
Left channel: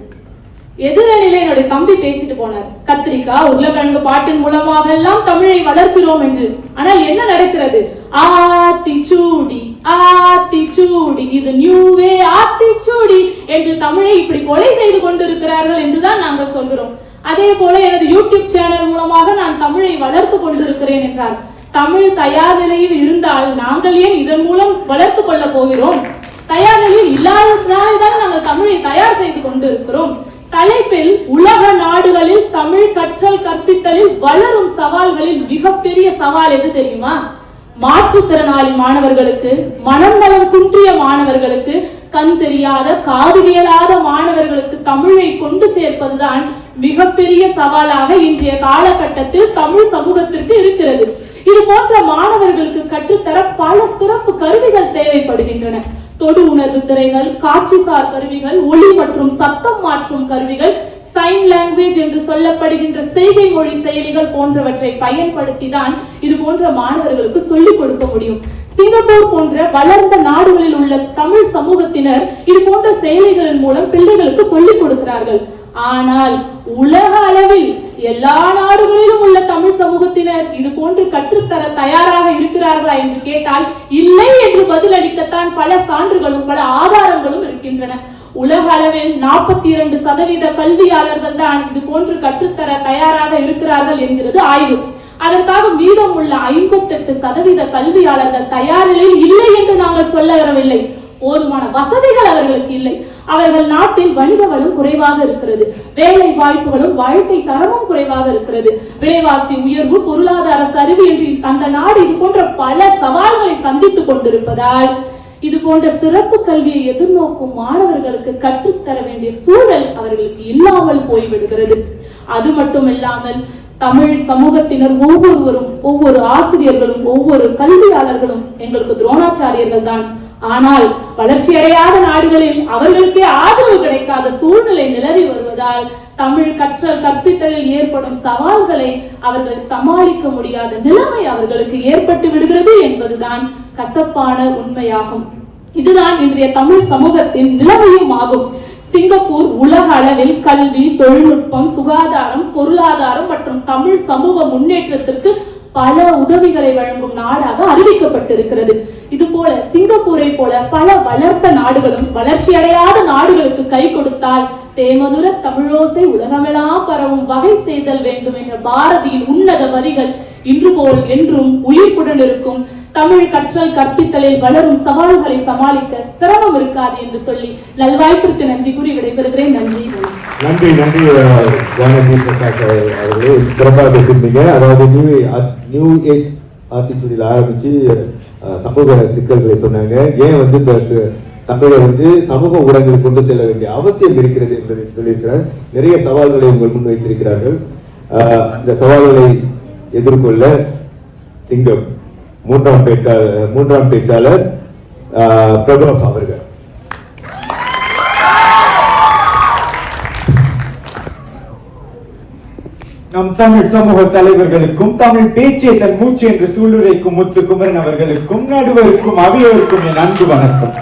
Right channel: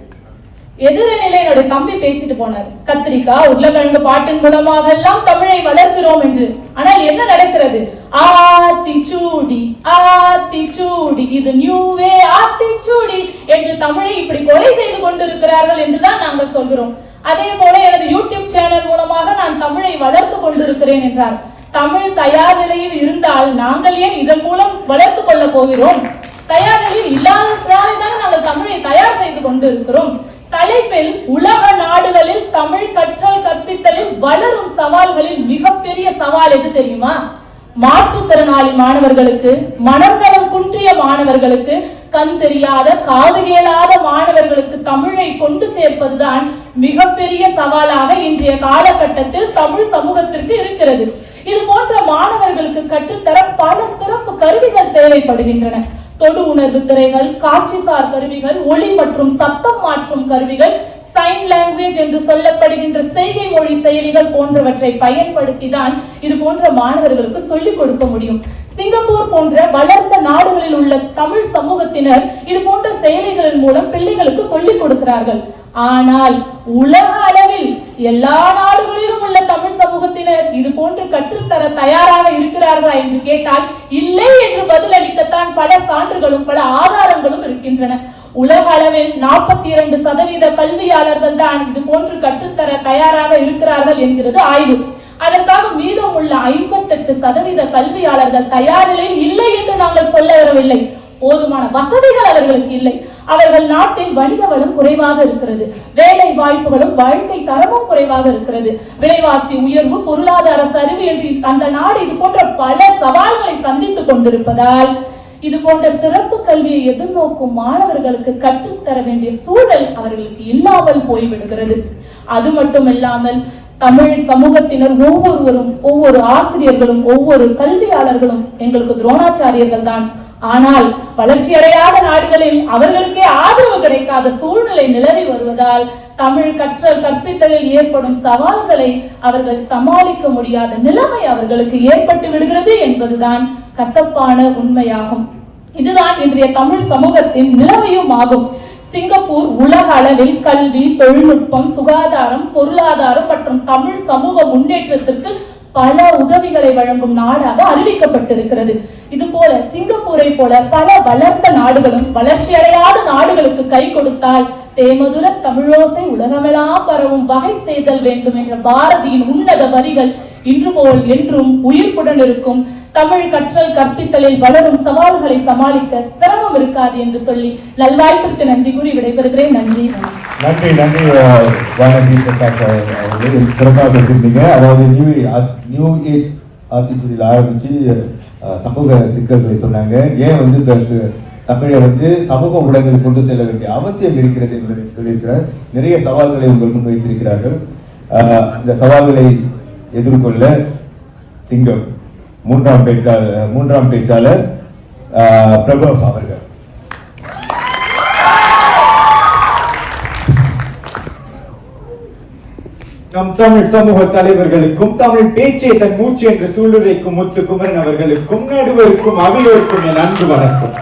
எதிரணியில என்னுடைய தம்பி பேசிட்டு போனார், கத்திரிக்காய் உருளைக்கிழங்கு பாட்டின் மூலமாக எல்லாம் தமிழை வளர்க்கிறோம் என்று. ஆனால் என்ன நடக்கிறது? ஆத்திச்சூடி ஆத்திச்சூடி, இது நியூவே ஆத்திச்சூடி என்று தமிழை இப்படி கொலை செய்து கொண்டிருக்கிறார்கள் என்றுதான் நாங்கள் சொல்கிறோம். அதே போல எனது யூடியூப் சேனல் மூலமாக நான் தமிழை வளர்த்து கொண்டிருக்கிறேன் என்றார். தமிழ் தயார் நிலையில் இருந்தால் நாங்கள் ஏன் இதன் மூலம் வளர்த்து கொள்ள போகிறோம்? தயார் நிலையில் இல்லாததால்தான் நாங்கள் தமிழை தயார் செய்து கொண்டிருக்கிறோம். தலைப்பில் உலக நாடுகளில் தமிழ் கற்றல் கற்பித்தலில் வளரும் சவால்களில் மிகப்பெரிய சவால் எது தெரியுமா? மாற்றுத்திறனாளி மாணவர்களுக்கு, மனம் நலம் குன்றிய மாணவர்களுக்கு, கண் தெரியாத காது கேளாத மாணவர்களுக்கு தமிழை கொண்டு சேர்ப்பதுதான் மிகப்பெரிய சவாலாக இன்றைய காலகட்டத்தில் தமிழ் சமூகத்திற்கு இருக்கிறது. இது போன்ற மாணவர்களுக்கு கற்றுத்தர பல சிறப்பு கருவிகள் தேவைப்படுகின்றன. தொடு உணர்வு திரைகள், காட்சிசார் கருவிகள், ஒளி மற்றும் சத்தம் மாற்றும் கருவிகள், சைன் லாங்குவேஜ் என்று சொல்லப்படுகின்ற செய்கை மொழி செயலிகள் போன்றவற்றை பயன்படுத்திதான் இது போன்ற மாணவர்களுக்கு சொல்லிக் கொடுக்க முடியும். சிங்கப்பூர் போன்ற வளர்ந்த நாடுகளில் உள்ள தமிழ் சமூகத்தினர் இது போன்ற செயலிகளின் மூலம் பிள்ளைகளுக்கு சொல்லிக் கொடுக்கிறார்கள். ஆனால் உலக அளவில் எல்லா நாடுகளிலும் உள்ள தமிழ் சமூகத்தினர் இது போன்று கற்றுத்தர தயாராக இருக்கிறார்களா என்று கேட்டால் இல்லை என்று பதிலளிக்கத்தான் பல சான்றுகளும் பல ஆதாரங்களும் இருக்கின்றன. உலக அளவில் 42% கல்வியாளர்கள் தான் இது போன்று கற்றுத்தர தயாராக இருக்கிறார்கள் என்கிறது ஆய்வு. அதற்காக மீதம் உள்ள 58% கல்வியாளர்கள் தயார் நிலையில் இல்லை என்று நாங்கள் சொல்ல வரவில்லை. போதுமான வசதிகள் அவர்களுக்கு இல்லை. அவர்கள் நாட்டில் வணிக வளம் குறைவாக இருக்கிறது, வேலை வாய்ப்புகளும் வாழ்க்கை தரமும் குறைவாக இருக்கிறது, விலைவாசி உயர்வு, பொருளாதார சரிவு என்று அந்த நாடு இது போன்ற பல சவால்களை சந்தித்துக் கொண்டிருப்பதால் இது போன்ற சிறப்பு கல்வியை எதிர்நோக்கும் மாணவர்களுக்கு கற்றுத்தர வேண்டிய சூழல் அவர்களுக்கு இல்லாமல் போய்விடுகிறது. அது மட்டுமில்லாமல் தமிழ் சமூகத்தினர் ஒவ்வொருவரும், ஒவ்வொரு ஆசிரியர்களும், ஒவ்வொரு கல்வியாளர்களும் எங்களுக்கு துரோணாச்சாரியர்கள் தான். ஆனால் வளர்ச்சி அடையாத நாடுகளில் அவர்களுக்கே ஆதரவு கிடைக்காத சூழ்நிலை நிலவி வருவதால் தமிழ் கற்றல் கற்பித்தலில் ஏற்படும் சவால்களை அவர்கள் சமாளிக்க முடியாத நிலைமை அவர்களுக்கு ஏற்பட்டு விடுகிறது என்பதுதான் கசப்பான உண்மையாகும். இதுதான் இன்றைய தமிழ் சமூகத்தின் நிலைமையும் ஆகும். சிங்கப்பூர் உலக அளவில் கல்வி, தொழில்நுட்பம், சுகாதாரம், பொருளாதாரம் மற்றும் தமிழ் சமூக முன்னேற்றத்திற்கு பல உதவிகளை வழங்கும் நாடாக அறிவிக்கப்பட்டிருக்கிறது. இது போல சிங்கப்பூரை போல பல வளர்ந்த நாடுகளும் வளர்ச்சி அடையாத நாடுகளுக்கு கை கொடுத்தால் தேமதுர தமிழோசை உலகமெல்லாம் பரவும் வகை செய்தல் வேண்டும் என்ற பாரதியின் உன்னத வரிகள் இன்று போல் என்றும் உயிர்ப்புடன் இருக்கும். தமிழ் கற்றல் கற்பித்தலில் வளரும் சவால்களை சமாளிக்க சிரமம் இருக்காது என்று சொல்லி நல்வாய்ப்பிற்கு நன்றி கூறி விடைபெறுகிறேன். நன்றி நன்றி நன்றி வானதி பிரகாஷ் அவர்களே, சிறப்பாக பேசியிருந்தீங்க. அதாவது நியூ ஏஜ் ஆத்திச்சூடியில் ஆரம்பிச்சு சமூக சிக்கல்களை சொன்னாங்க. ஏன் வந்து தமிழை வந்து சமூக ஊடகங்களில் கொண்டு செல்ல வேண்டிய அவசியம் இருக்கிறது என்பதை சொல்லியிருக்கிறார். நிறைய சவால்களை உங்கள் முன் வைத்திருக்கிறார்கள். அந்த சவால்களை எதிர்கொள்ள சிங்கம் மூன்றாம் பேச்சாளர் பிரபு அவர்கள். நம் தமிழ் சமூக தலைவர்களுக்கும், தமிழ் பேச்சே தன் மூச்சு என்று சூளுரைக்கும் முத்துக்குமரன் அவர்களுக்கும், நடுவருக்கும், அவையோருக்கும் என் அன்பு வணக்கம்.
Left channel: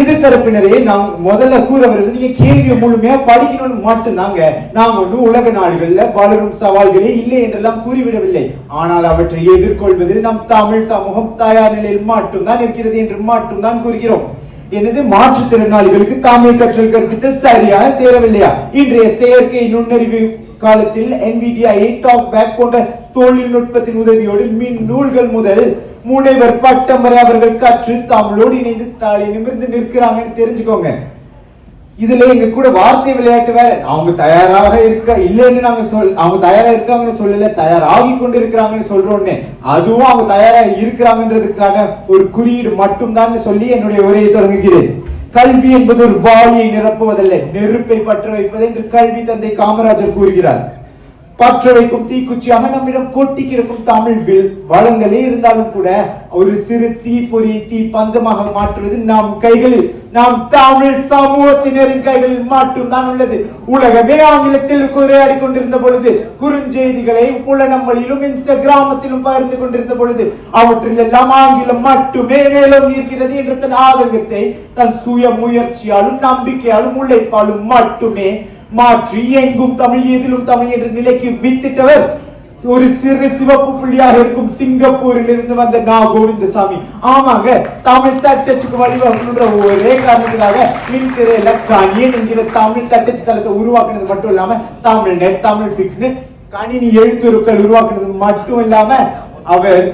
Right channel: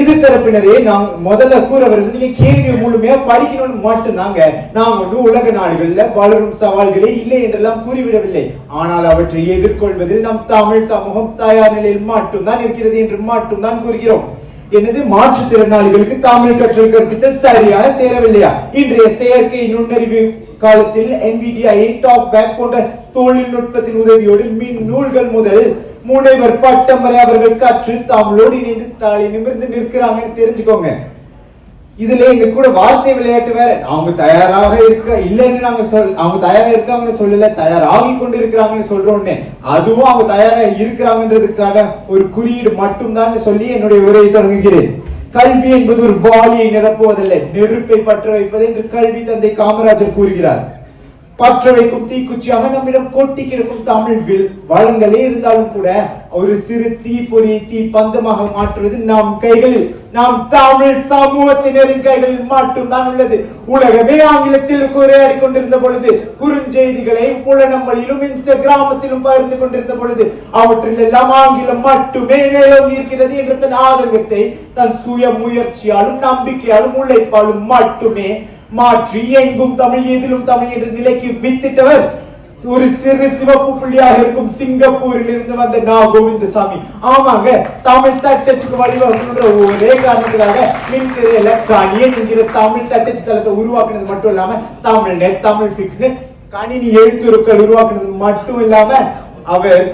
எதிர்த்தரப்பினரே, நான் முதல்ல கூற வருது, நீங்க கேள்வி முழுமையா படிக்கணும்னு மட்டும்தாங்க. நாம் ஒன்று உலக நாடுகள்ல வளரும் சவால்களே இல்லை என்றெல்லாம் கூறிவிடவில்லை. ஆனால் அவற்றை எதிர்கொள்வதில் நம் தமிழ் சமூகம் தயார் நிலையில் மட்டும்தான் இருக்கிறது என்று மட்டும்தான் கூறுகிறோம். எனது மாற்றுத்திறனாளிகளுக்கு தமிழ் கற்றல் கற்பித்தல் சரியாக சேரவில்லையா? இன்றைய செயற்கை நுண்ணறிவு காலத்தில் NVIDIA டாக்பேக் போன்ற தொழில்நுட்பத்தின் உதவியோடு மின் நூல்கள் முதல் முனைவர் பட்டம் வரை அவர்கள் கற்று தமிழோடு இணைந்து தாளை நிமிர்ந்து நிற்கிறாங்கன்னு தெரிஞ்சுக்கோங்க. இதுல எங்க கூட வார்த்தை விளையாட்டு வேற. அவங்க தயாராக இருக்க இல்லைன்னு நாங்க அவங்க தயாரா இருக்காங்கன்னு சொல்லல, தயாராகி கொண்டு இருக்கிறாங்கன்னு சொல்றோம்னு. அதுவும் அவங்க தயாரா இருக்கிறாங்கன்றதுக்காக ஒரு குறியீடு மட்டும்தான் சொல்லி என்னுடைய உரையை தொடங்குகிறேன். கல்வி என்பது ஒரு வாளியை நிரப்புவதல்ல, நெருப்பை பற்ற வைப்பது என்று கல்வி தந்தை காமராஜர் கூறுகிறார். பற்ற வைக்கும் தீக்குச்சியாக நம்மிடம் கொட்டி கிடக்கும் தமிழ் வளங்களே இருந்தாலும் கூட ஒரு சிறு தீப்பொறியை தீ பந்தமாக மாற்றுவது நம் கைகளில், நாம் தமிழ் சமூகத்தினரின் கைகளில் மட்டும்தான் உள்ளது. உலகமே ஆங்கிலத்தில் உரையாடி கொண்டிருந்த பொழுது, குறுஞ்செய்திகளை புலனம்பலிலும் இன்ஸ்டாகிராமத்திலும் பகிர்ந்து கொண்டிருந்த பொழுது, அவற்றில் எல்லாம் ஆங்கிலம் மட்டுமே மேலும் இருக்கிறது என்ற தன் ஆதங்கத்தை தன் சுய முயற்சியாலும் நம்பிக்கையாலும் உழைப்பாலும் மட்டுமே மாற்றி எங்கும் தமிழ் எதிலும் தமிழ் என்ற நிலைக்கு வித்திட்டவர் ஒரு சிறு சிவப்பு புள்ளியாக இருக்கும் சிங்கப்பூரில் இருந்து வந்த கோவிந்தசாமி. ஆமாங்க, தமிழ் தட்டச்சுக்கு வழிவகுக்கின்ற ஒரே காரணத்துக்காக மின்திரையில கணியன் என்கிற தமிழ் தட்டச்சு தளத்தை உருவாக்குனது மட்டும் இல்லாம தமிழ் நெட், தமிழ் பிக்ஸ்னு கணினி எழுத்துருக்கள் உருவாக்குனது மட்டும் இல்லாம அவர்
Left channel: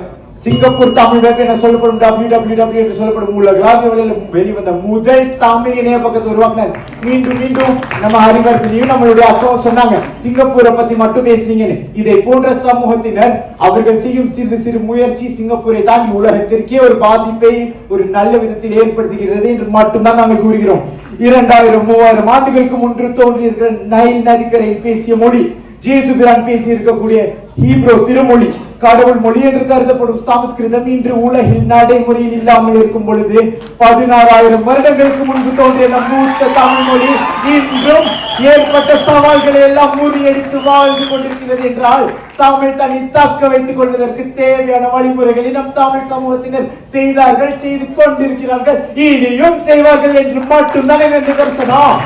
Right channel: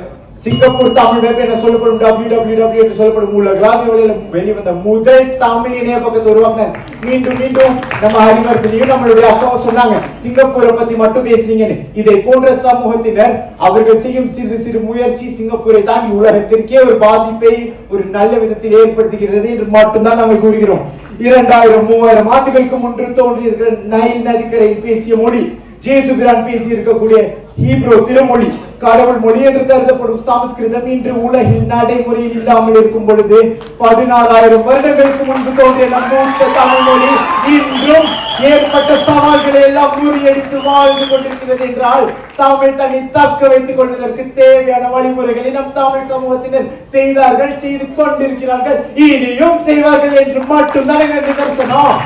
சிங்கப்பூர் தமிழ் வெப் என சொல்லப்படும் www என்று சொல்லப்படும் உலகளாவிய வெளிவந்த முதல் தமிழ் இணைய பக்கத்தை உருவாக்கினார். மீண்டும் மீண்டும் நம்ம அறிவர்த்தனையும் நம்மளுடைய அக்காவும் சொன்னாங்க, சிங்கப்பூரை பத்தி மட்டும் பேசுறீங்கன்னு. இதை போன்ற சமூகத்தினர் அவர்கள் செய்யும் சிறு சிறு முயற்சி சிங்கப்பூரை தாண்டி உலகத்திற்கே ஒரு பாதிப்பை ஒரு நல்ல விதத்தில் ஏற்படுத்துகிறது என்று மட்டும்தான் நாங்கள் கூறுகிறோம். 2000-3000 ஆண்டுகளுக்கு முன்பு தோன்றியிருக்கிற நைல் நதிக்கரையில் பேசிய மொழி, ஜேசுபிரான் பேசி இருக்கக்கூடிய ஹீப்ரோ திருமொழி, கடவுள் மொழி என்று கருதப்படும் சமஸ்கிருதம் இன்று உலகில் நடைமுறையில் இல்லாமல் இருக்கும் பொழுது 16,000 வருடங்களுக்கு முன்பு தோன்றிய நம் மூத்த தமிழ் மொழி இன்றும் ஏற்பட்ட சவால்களை எல்லாம் முறியடித்து வாழ்ந்து கொண்டிருக்கிறது என்றால், தமிழ் தன்னை தக்க வைத்துக் கொள்வதற்கு தேவையான வழிமுறைகளை நம் தமிழ் சமூகத்தினர் செய்தார்கள், செய்து கொண்டிருக்கிறார்கள், இனியும் செய்வார்கள் என்று மட்டும்தான் எங்க கருத்தணும்.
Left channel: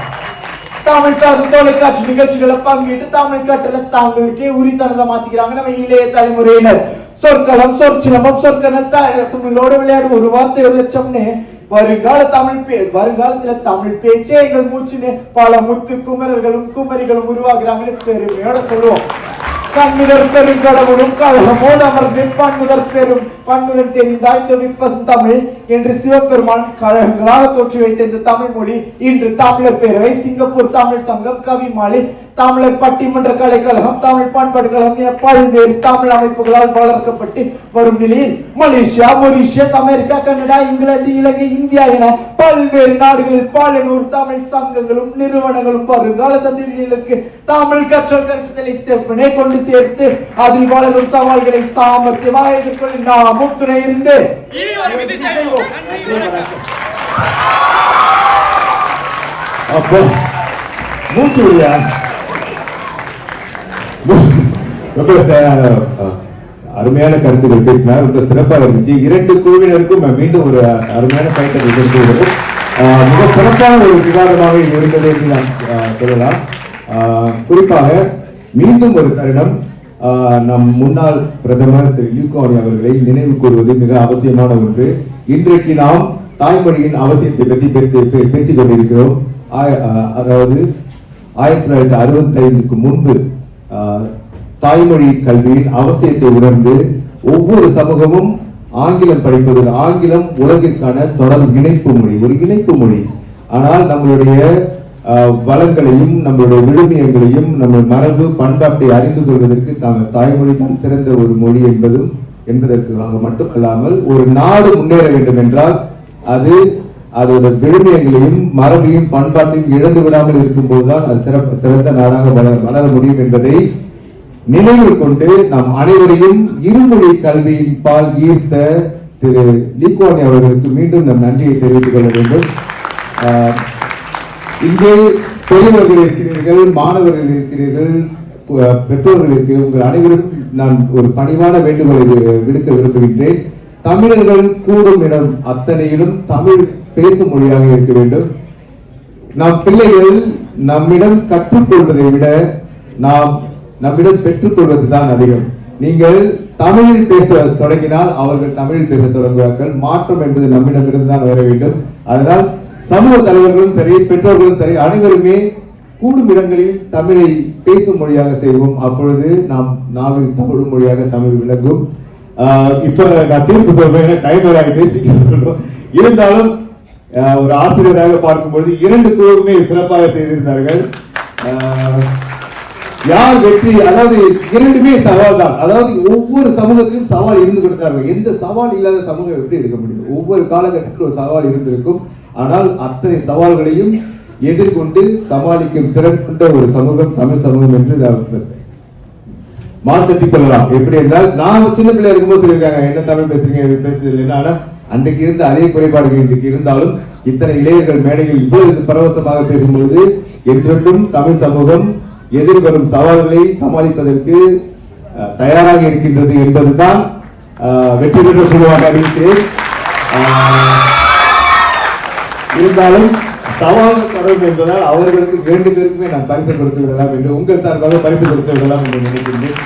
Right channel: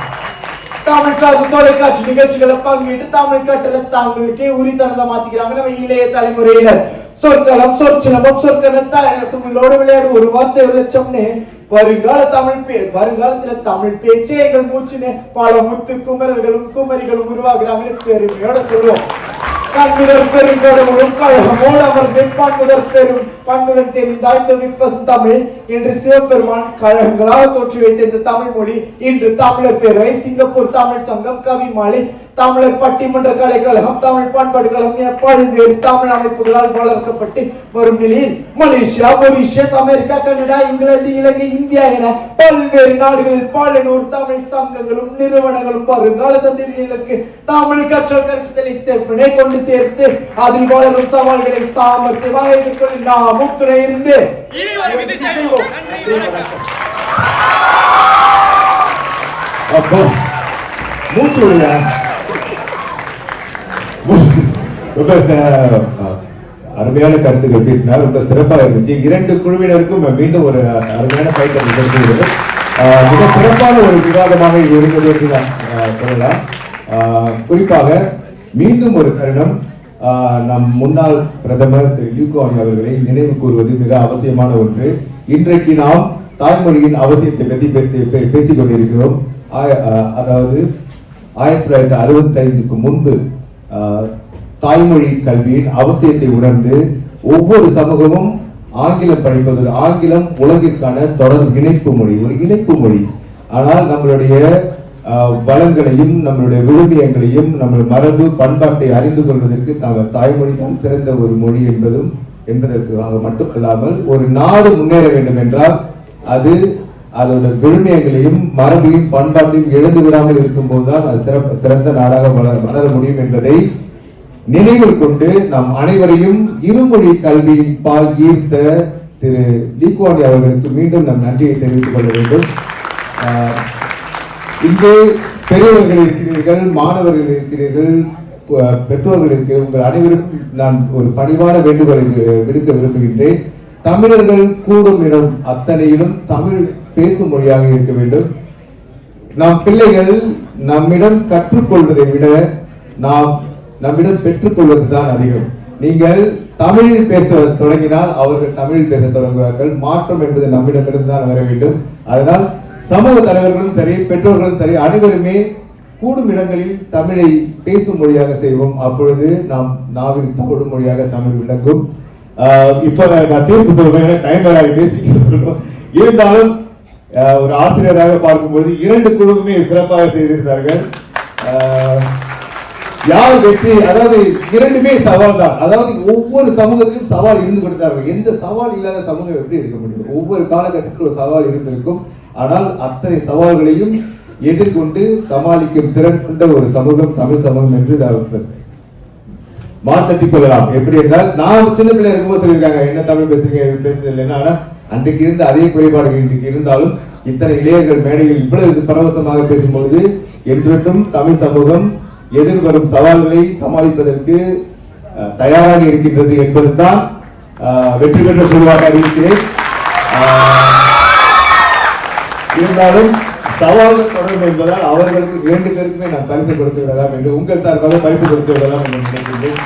தமிழ் சார்ந்த தொலைக்காட்சி நிகழ்ச்சிகளை பங்கிட்டு தமிழ் கட்டளை தாங்களுக்கே உரித்தனதை மாத்திக்கிறாங்க நம்ம இளைய தலைமுறையினர். சொற்களம், சொற்சிலம்பம், சொற்களோடு விளையாடு ஒரு வார்த்தை ஒரு லட்சம்னு வருங்காலத்துல தமிழ் பேச்சே எங்கள் மூச்சுன்னு பல முத்து குமரர்களும் குமரிகளும் உருவாகிறாங்கன்னு பெருமையோட சொல்லுவோம். கண்ணுதர் பெருங்கடவுளும் கழகமோடு அமர்ந்து பன்முதல் தெரிந்தாய்ந்த விற்பசும் தமிழ் என்று சிவபெருமான் கழகங்களாக தோற்றி வைத்த இந்த தமிழ் மொழி இன்று தமிழர் பேரவை, சிங்கப்பூர் தமிழ் சங்கம், கவி மாலை, தமிழர் பட்டிமன்ற கலைக்கழகம், தமிழ் பண்பாடு கழகம் என பல்வேறு தமிழ் அமைப்புகளால் வளர்க்கப்பட்டு வரும் நிலையில் Malaysia, Mauritius, America, Canada, England, Ilangai, India என பல்வேறு நாடுகளில் பல நூறு தமிழ் சங்கங்களும் நிறுவனங்களும் வருங்கால சந்ததியினருக்கு தமிழ் கற்றல் கற்பித்தலை செவ்வனே கொண்டு சேர்த்து அதில் வளரும் சவால்களை சாமர்த்தியமாக எதிர்கொள்ள நாமும் துணை இருந்து அப்போ மூச்சு அருமையான கருத்துக்கள் பேசினார், ரொம்ப சிறப்பாக இருந்துச்சு. 2 குழுவினருக்கும் மீண்டும் ஒரு அருமையான பயிற்சி மிக சிறப்பான ஒரு விவாதமாக இது இருந்தது என்று நாம் சொல்லலாம். குறிப்பாக மீண்டும் ஒரு தருணம் நம் முன்னாள் பிரதமர் திரு லியூ குவாங் அவர்களை நினைவு கூறுவது மிக அவசியமான ஒன்று. இன்றைக்கு நாம் தாய்மொழியின் அவசியத்தை பற்றி பேசிக் கொண்டிருக்கிறோம். அதாவது 1965க்கு முன்பு தாய்மொழி கல்வியின் அவசியத்தை உணர்ந்து ஒவ்வொரு சமூகமும் ஆங்கிலம் படிப்பது, ஆங்கிலம் உலகிற்கான தொடர் இணைப்பு மொழி, ஒரு இணைப்பு மொழி. ஆனால் நம்மளுடைய வளங்களையும் நம்மளுடைய விழுமியங்களையும் நம்ம மரபு பண்பாட்டை அறிந்து கொள்வதற்கு தாய்மொழி தான் சிறந்த ஒரு மொழி என்பதற்காக மட்டுமல்லாமல் ஒரு நாடு முன்னேற வேண்டும் என்றால் அது அதோட விழுமியங்களையும் மரபையும் பண்பாட்டையும் இழந்து விடாமல் இருக்கும் போதுதான் அது சிறந்த நாடாக வளர முடியும் என்பதை நினைவில் கொண்டு நாம் அனைவரையும் இருமொழி கல்வியின் பால் ஈர்த்த திரு லீ குவாங் அவர்களுக்கு மீண்டும் நம் நன்றியை தெரிவித்துக் கொள்ள வேண்டும். இங்கே பெரியவர்கள் இருக்கிறீர்கள், மாணவர்கள் இருக்கிறீர்கள், பெற்றோர்கள் இருக்கிறீர்கள். உங்கள் அனைவருக்கும் நான் ஒரு பணிவான வேண்டுகோளை விடுக்க விரும்புகின்றேன். தமிழர்கள் கூடும் இடம் அத்தனையிலும் தமிழ் பேசும் மொழியாக இருக்க வேண்டும். நம் பிள்ளைகள் நம்மிடம் கற்றுக்கொள்வதை விட நம்மிடம் பெற்றுக் கொள்வதுதான் அதிகம். நீங்கள் தமிழில் பேச தொடங்கினால் அவர்கள் தமிழில் பேச தொடங்குவார்கள். மாற்றம் என்பது நம்மிடமிருந்து தான் வர வேண்டும். அதனால் சமூக தலைவர்களும் சரி, பெற்றோர்களும் சரி, அனைவருமே கூடும் இடங்களில் தமிழை பேசும் மொழியாக செய்வோம். அப்பொழுது நாம் நாவில் தமிழ் மொழியாக தமிழ் விளங்கும். இப்ப நான் தீர்ப்பு சொல்றேன், டைம் ஆகிட்டு இருந்தாலும் ஒரு ஆசிரியராக பார்க்கும்போது 2 குழுவுமே சிறப்பாக செய்திருந்தார்கள். யார் வெற்றி, அதாவது 2மே சவால் தான். அதாவது ஒவ்வொரு சமூகத்திலும் சவால் இருந்து கொடுத்தார்கள். எந்த சவால் இல்லாத சமூகம் எப்படி இருக்க முடியும்? ஒவ்வொரு காலகட்டத்தில் ஒரு சவால் இருந்திருக்கும். ஆனால் அத்தனை சவால்களையும் எதிர்கொண்டு சமாளிக்கும் திறன் கொண்ட ஒரு சமூகம் தமிழ் சமூகம் என்று மாத்தட்டிக் கொள்ளலாம். எப்படி என்றால், நான் சின்ன பிள்ளையா இருக்கும்போது சொல்லியிருக்காங்க, என்ன தமிழ் பேசுறீங்க பேசுறது. ஆனா அன்றைக்கு இருந்த அதே குறைபாடுகள் இன்றைக்கு இருந்தாலும் இத்தனை இளைஞர்கள் மேடையில் இவ்வளவு பரவசமாக பேசும்போது என்றென்றும் தமிழ் சமூகம் எதிர்வரும் சவால்களை சமாளிப்பதற்கு தயாராக இருக்கின்றது என்பதுதான் வெற்றி பெற்ற குழுவாக இருக்கிறேன். இருந்தாலும் சவால்கள் தொடர்பு என்பதால் அவர்களுக்கு 2 பேருக்குமே நான் பரிசு கொடுத்து விடலாம் என்று உங்கள் சார்பாக பரிசு கொடுத்து விடலாம் என்று நினைக்கின்றேன்.